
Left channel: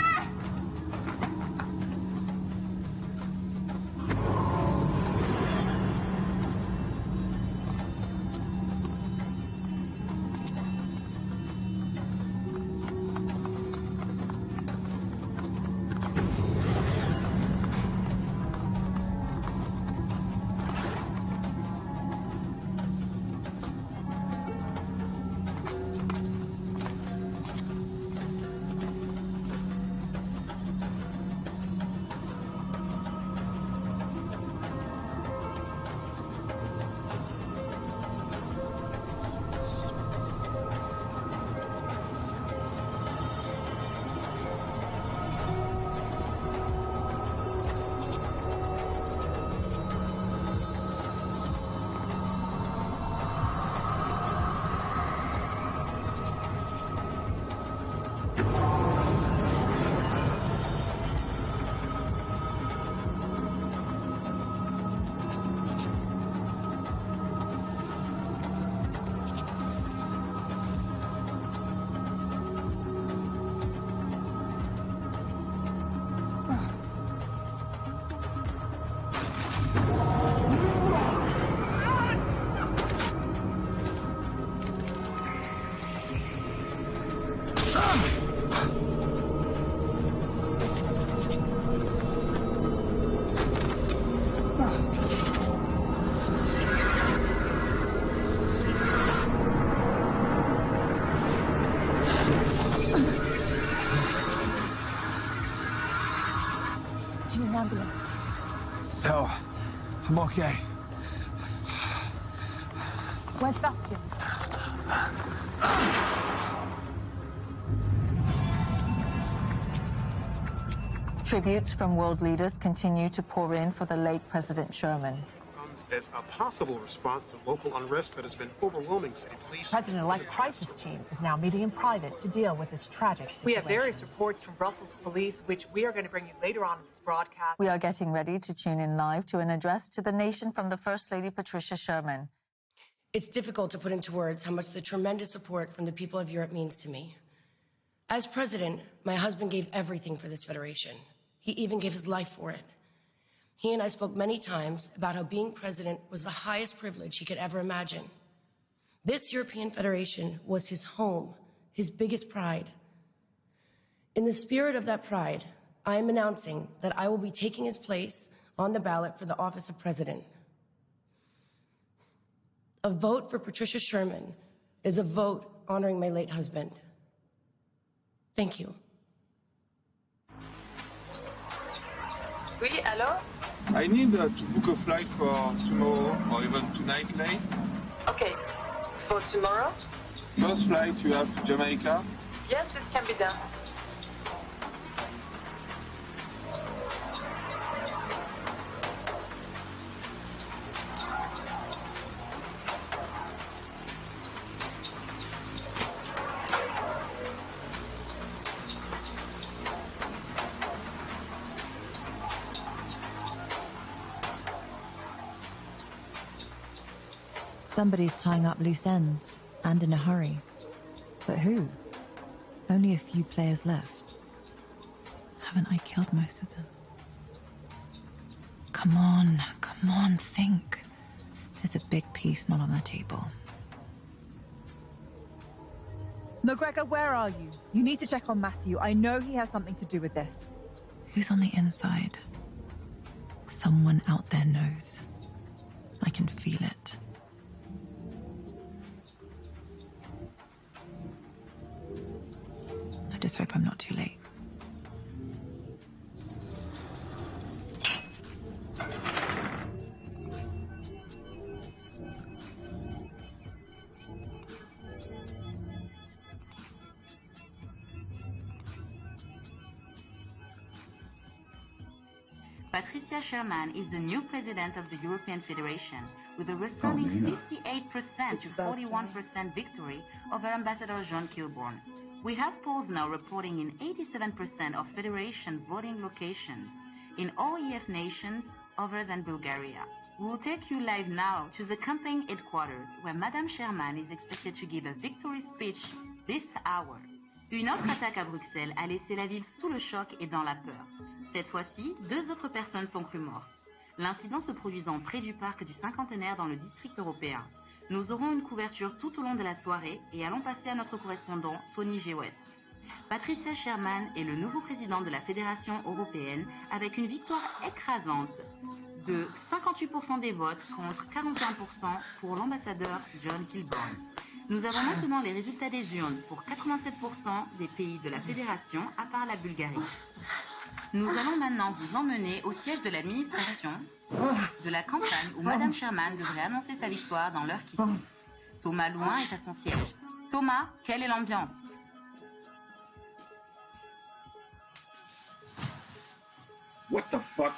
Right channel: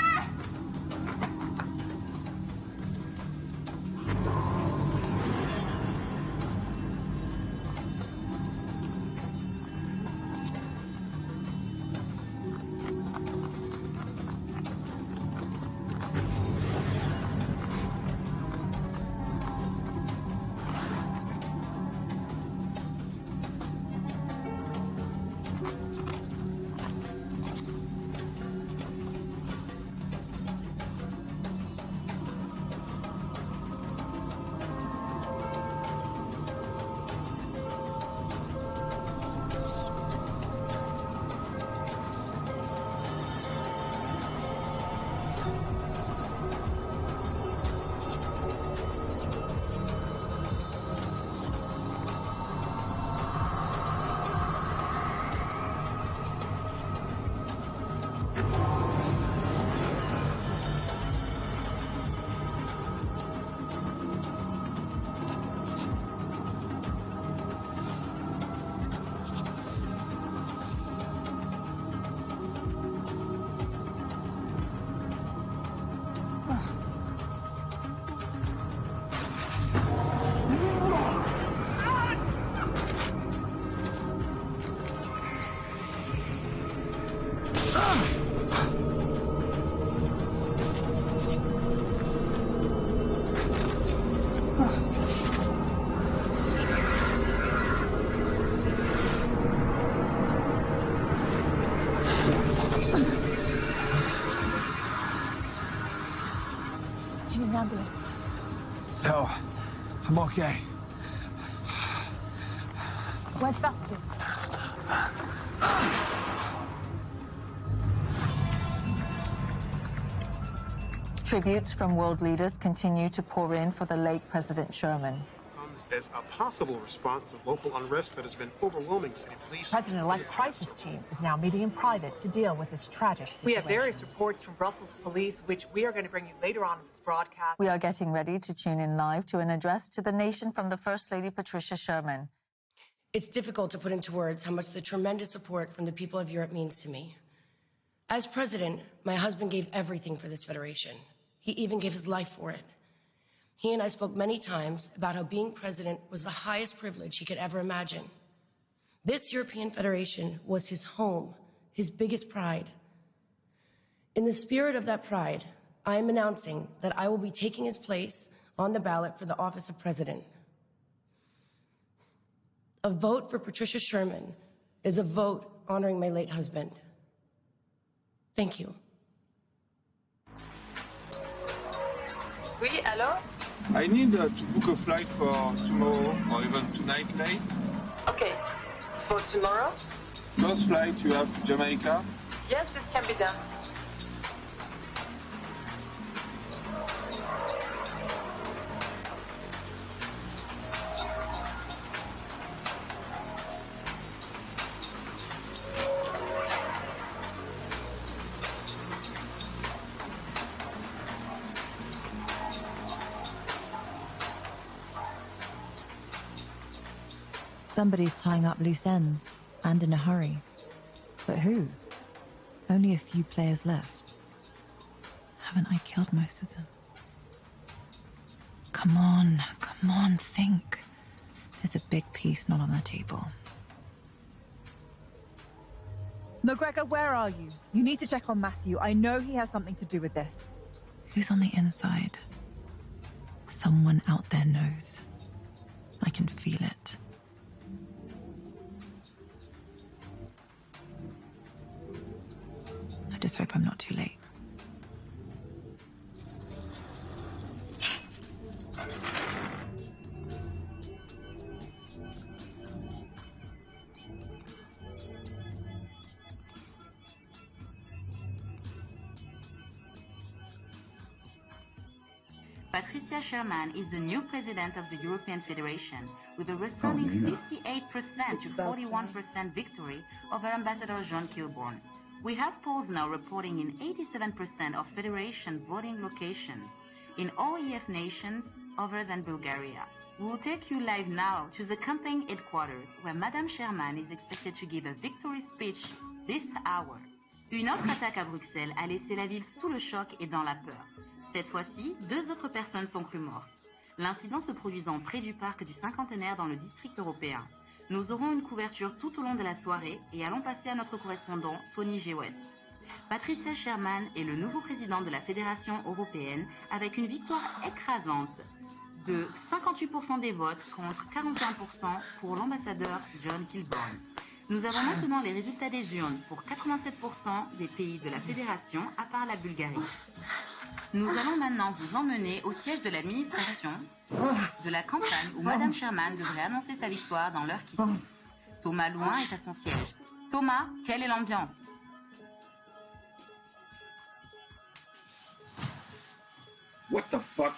Ambulance. No, I'm okay. Where's Bastian? Tributes from world leaders continue to pour in for the late President Sherman. Comes as a possible response to local unrest that has been overwhelming city police. President-elect crisis team is now meeting in private to deal with this tragic situation. We have various reports from Brussels police, which we are going to bring you later on in this broadcast. We are getting ready to tune in live to an address to the nation from the First Lady Patricia Sherman. It's difficult to put into words how much the tremendous support from the people of Europe means to me. As president, my husband gave everything for this federation. He even gave his life for it. He and I spoke many times about how being president was the highest privilege he could ever imagine. This European Federation was his home, his biggest pride. In the spirit of that pride, I am announcing that I will be taking his place on the ballot for the office of president. A vote for Patricia Sherman is a vote honoring my late husband. Thank you. Oui, allô? I need to book a flight for tomorrow or even tonight late. Okay, for tomorrow? First flight you have to Jamaica. Yes, it can be done. Somebody's tying up loose ends, and in a hurry. But who? Only a few players left. Haven't I killed most of them? Come on, think. There's a big piece not on the table. McGregor, where are you? You need to check on Matthew. I know he has something to do with this. Who's on the inside? Someone out there knows. I can feel it. I just hope I'm not too late. Patricia Sherman is the new president of the European Federation, with a resounding 58% to 41% victory over Ambassador John Kilbourne. We have polls now reporting in 87% of Federation voting locations in all EF nations other than Bulgaria. We will take you live now to the campaign headquarters, where Madame Sherman is expected to give a victory speech this hour. Une autre attaque à Bruxelles a laissé la ville sous le choc et dans la peur. Cette fois-ci, 2 autres personnes sont crues mortes. L'incident se produisant près du parc du Cinquantenaire dans le district européen. Nous aurons une couverture tout au long de la soirée et allons passer à notre correspondant Tony G. West. Patricia Sherman est le nouveau président de la Fédération européenne avec une victoire écrasante de 58% des votes contre 41% pour l'ambassadeur John Kilbourne. Nous avons maintenant les résultats des urnes pour 87% des pays de la Fédération à part la Bulgarie. Nous allons maintenant vous emmener au siège de l'administration de la campagne où Madame Sherman devrait annoncer sa victoire dans l'heure qui suit. Thomas Louin est à son siège. Thomas, quelle est l'ambiance? What the fuck?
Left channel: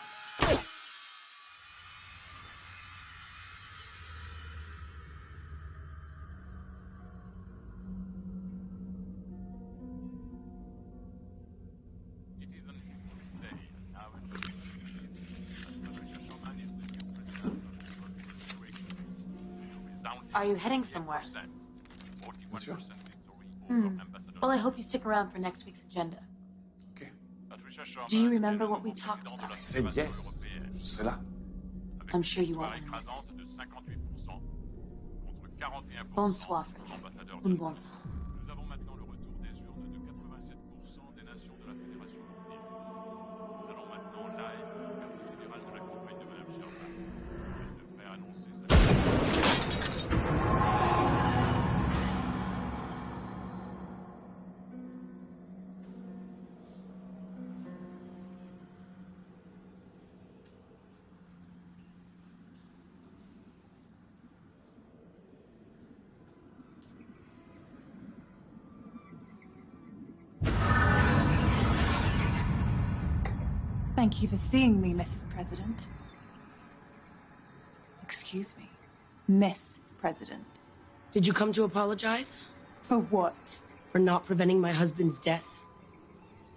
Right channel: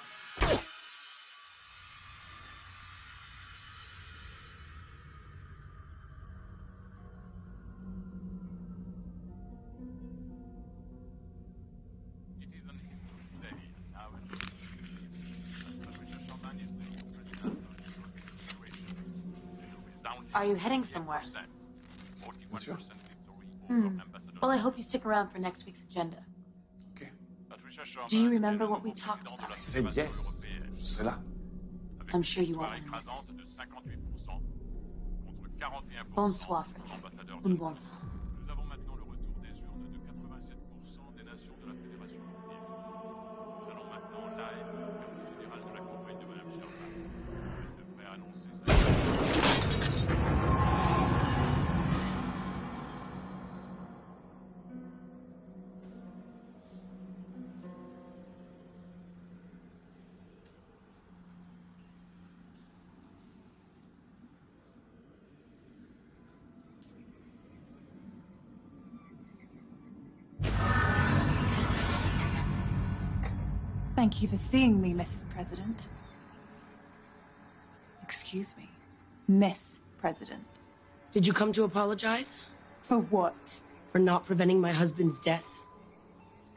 Are you heading somewhere? Well, I hope you stick around for next week's agenda. Okay. Do you remember what we talked about? I said yes. Je serai là. I'm sure you won't want to miss it. Bonsoir, Frederick. Un bon sang. Nous avons maintenant le retour des urnes de 87% des nations de la Fédération européenne. Nous allons maintenant live au quartier général de la campagne de Madame Sherman. Elle devrait annoncer sa... Thank you for seeing me, Mrs. President. Excuse me, Miss President. Did you come to apologize? For what? For not preventing my husband's death.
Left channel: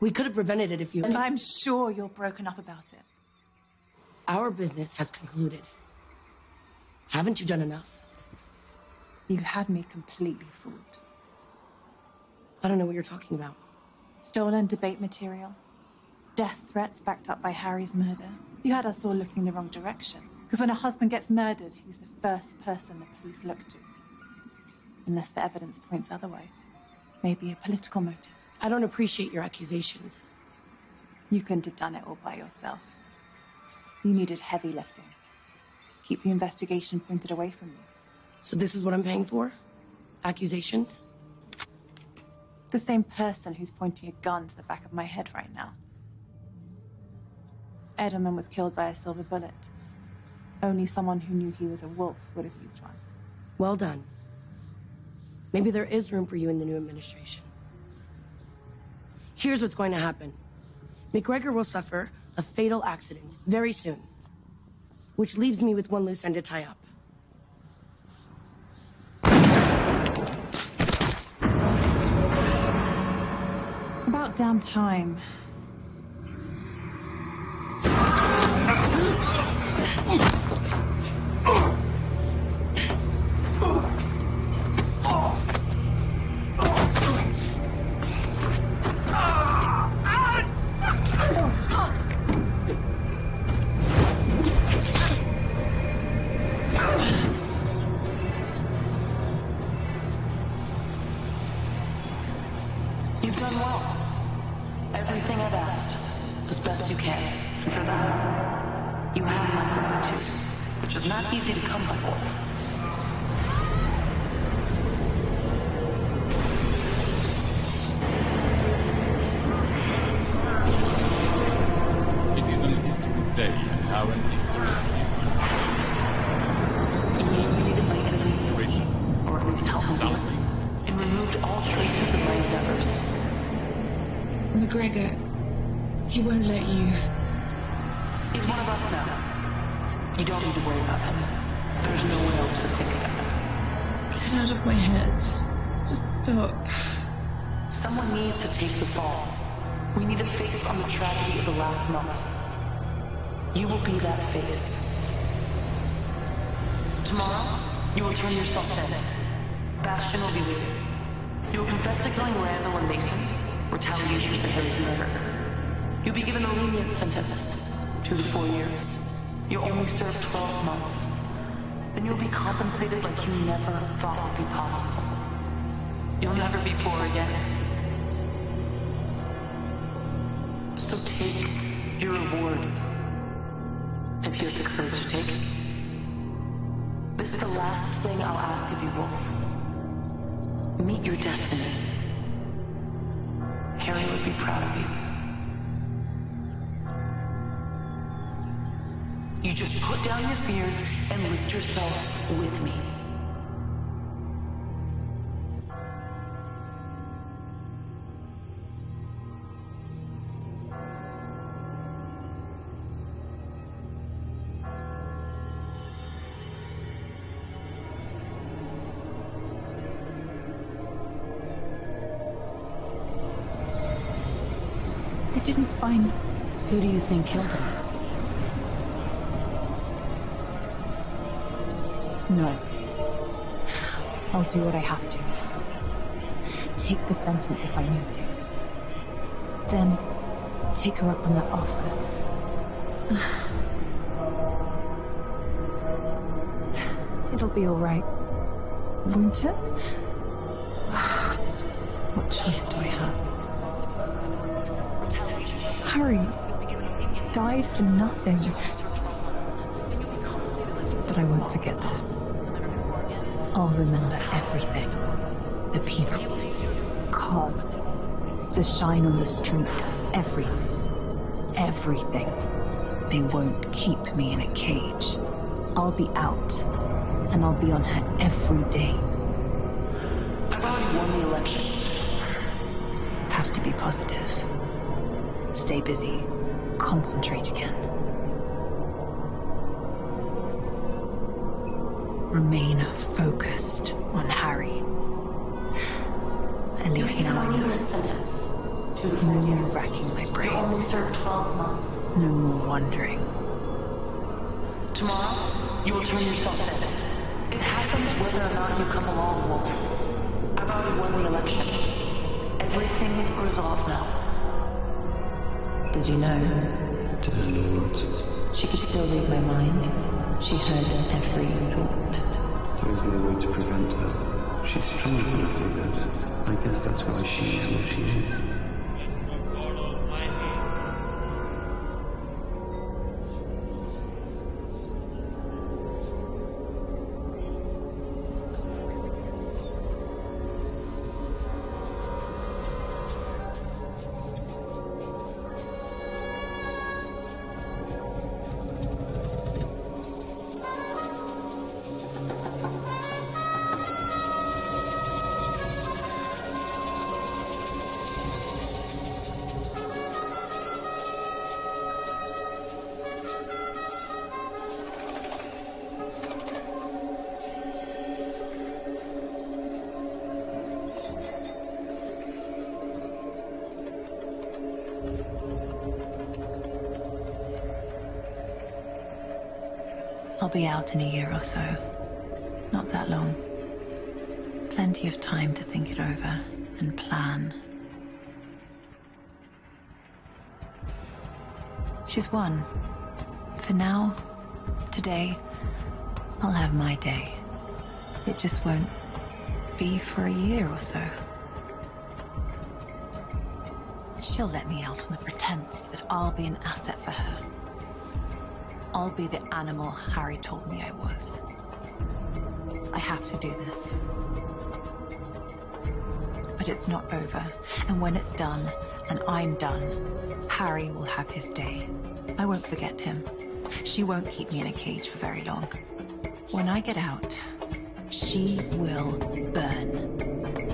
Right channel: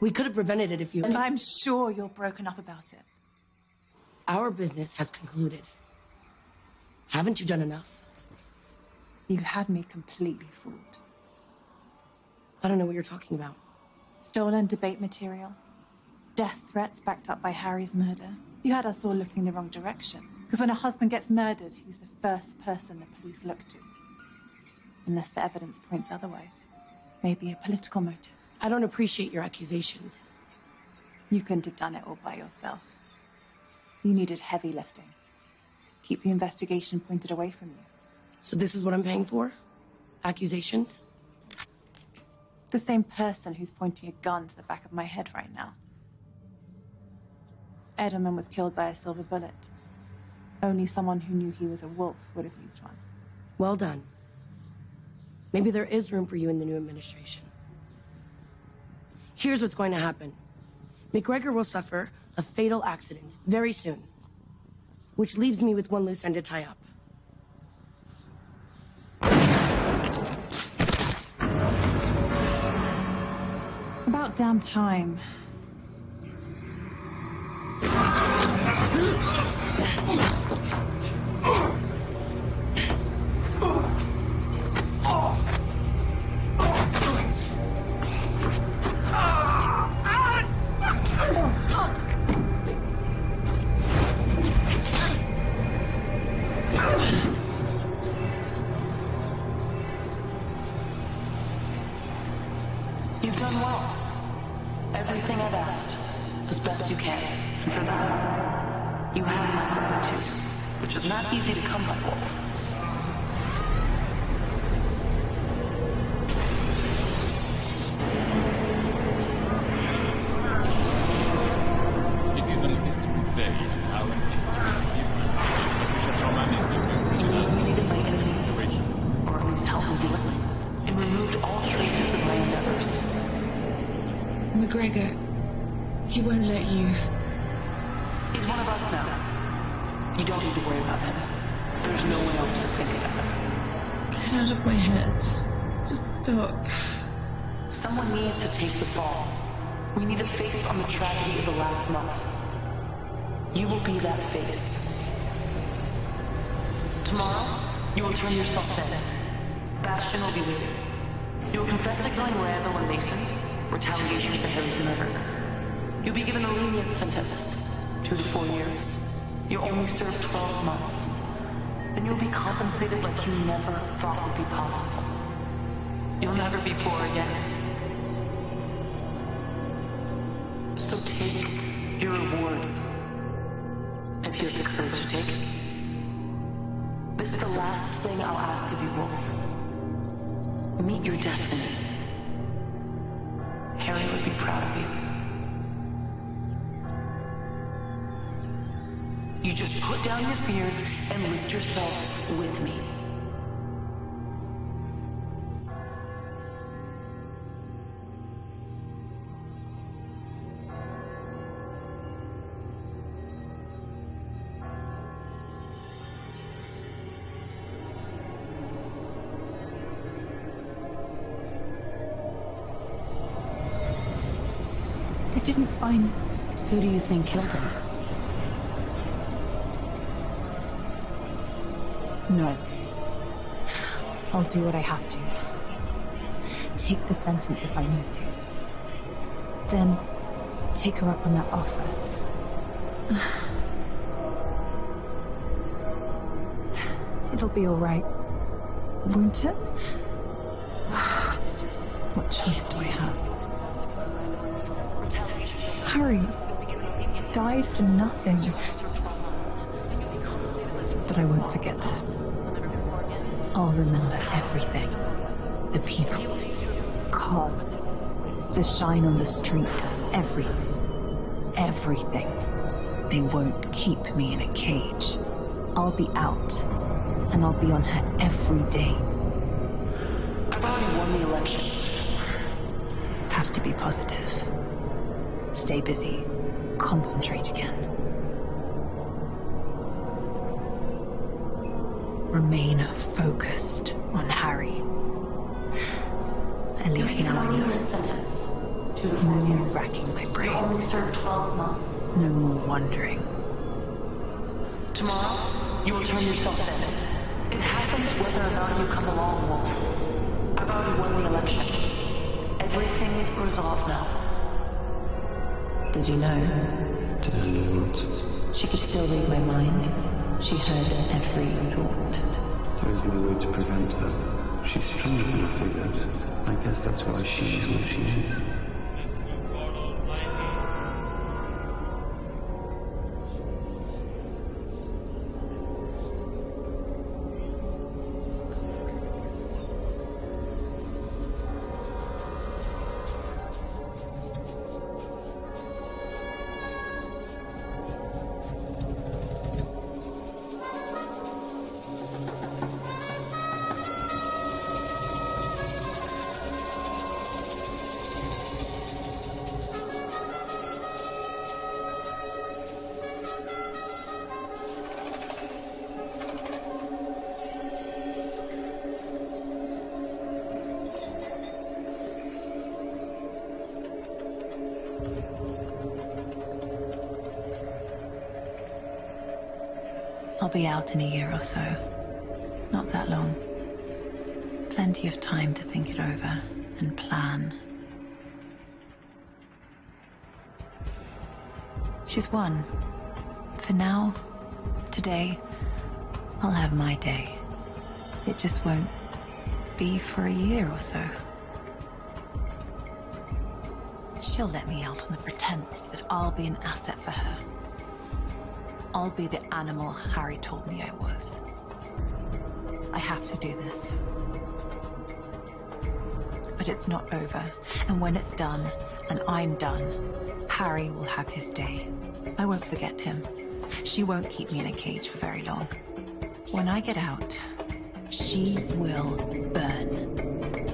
We could have prevented it if you... And I'm sure you're broken up about it. Our business has concluded. Haven't you done enough? You had me completely fooled. I don't know what you're talking about. Stolen debate material. Death threats backed up by Harry's murder. You had us all looking the wrong direction. Because when a husband gets murdered, he's the first person the police look to. Unless the evidence points otherwise. Maybe a political motive. I don't appreciate your accusations. You couldn't have done it all by yourself. You needed heavy lifting. Keep the investigation pointed away from you. So this is what I'm paying for? Accusations? The same person who's pointing a gun to the back of my head right now. Edelman was killed by a silver bullet. Only someone who knew he was a wolf would have used one. Well done. Maybe there is room for you in the new administration. Here's what's going to happen. McGregor will suffer a fatal accident very soon, which leaves me with one loose end to tie up. About damn time. You've done well. Everything I've asked, as best you can. And for that, you have my gratitude, which is not easy to come by, Wolf. It is an history day, and our history You eliminated my enemies, or at least helped me do it, and removed all traces of my endeavors. McGregor, he won't let you. He's one of us now. You don't need to worry about him. There's no one else to think about. Get out of my head. Just stop. Someone needs to take the fall. We need a face on the tragedy of the last month. You will be that face. Tomorrow, you will turn yourself in. Bastion will be waiting. You will confess to killing Randall and Mason, retaliation for Harry's murder. You'll be given a lenient sentence, 2 to 4 years. You'll only serve 12 months. Then you'll be compensated like you never thought would be possible. You'll never be poor again. So take your reward, if you have the courage to take it. This is the last thing I'll ask of you, Wolf. Meet your destiny. Harry would be proud of you. You just put down your fears and lift yourself with me. I didn't find... Who do you think killed him? No. I'll do what I have to. Take the sentence if I need to. Then, take her up on that offer. It'll be all right, won't it? What choice do I have? Harry died for nothing. But I won't forget this. I'll remember everything. The people, cars, the shine on the street, everything. Everything. They won't keep me in a cage. I'll be out, and I'll be on her every day. I've already won the election. Have to be positive. Stay busy. Concentrate again. Remain focused on Harry. At least now I know. No more racking my brain. You only served 12 months. No more wondering. Tomorrow, you will turn yourself in. It happens whether or not you come along, Wolf. I've already won the election. Everything's resolved now. Did you know? Did I know what? She could still read my mind. She heard every thought. There is no way to prevent her. She's stronger than I figured. I guess that's why she is what she is. I'll be out in a year or so. Not that long. Plenty of time to think it over and plan. She's won. For now, today, I'll have my day. It just won't be for a year or so. She'll let me out on the pretense that I'll be an asset for her. I'll be the animal Harry told me I was. I have to do this. But it's not over, and when it's done, and I'm done, Harry will have his day. I won't forget him. She won't keep me in a cage for very long. When I get out, she will burn.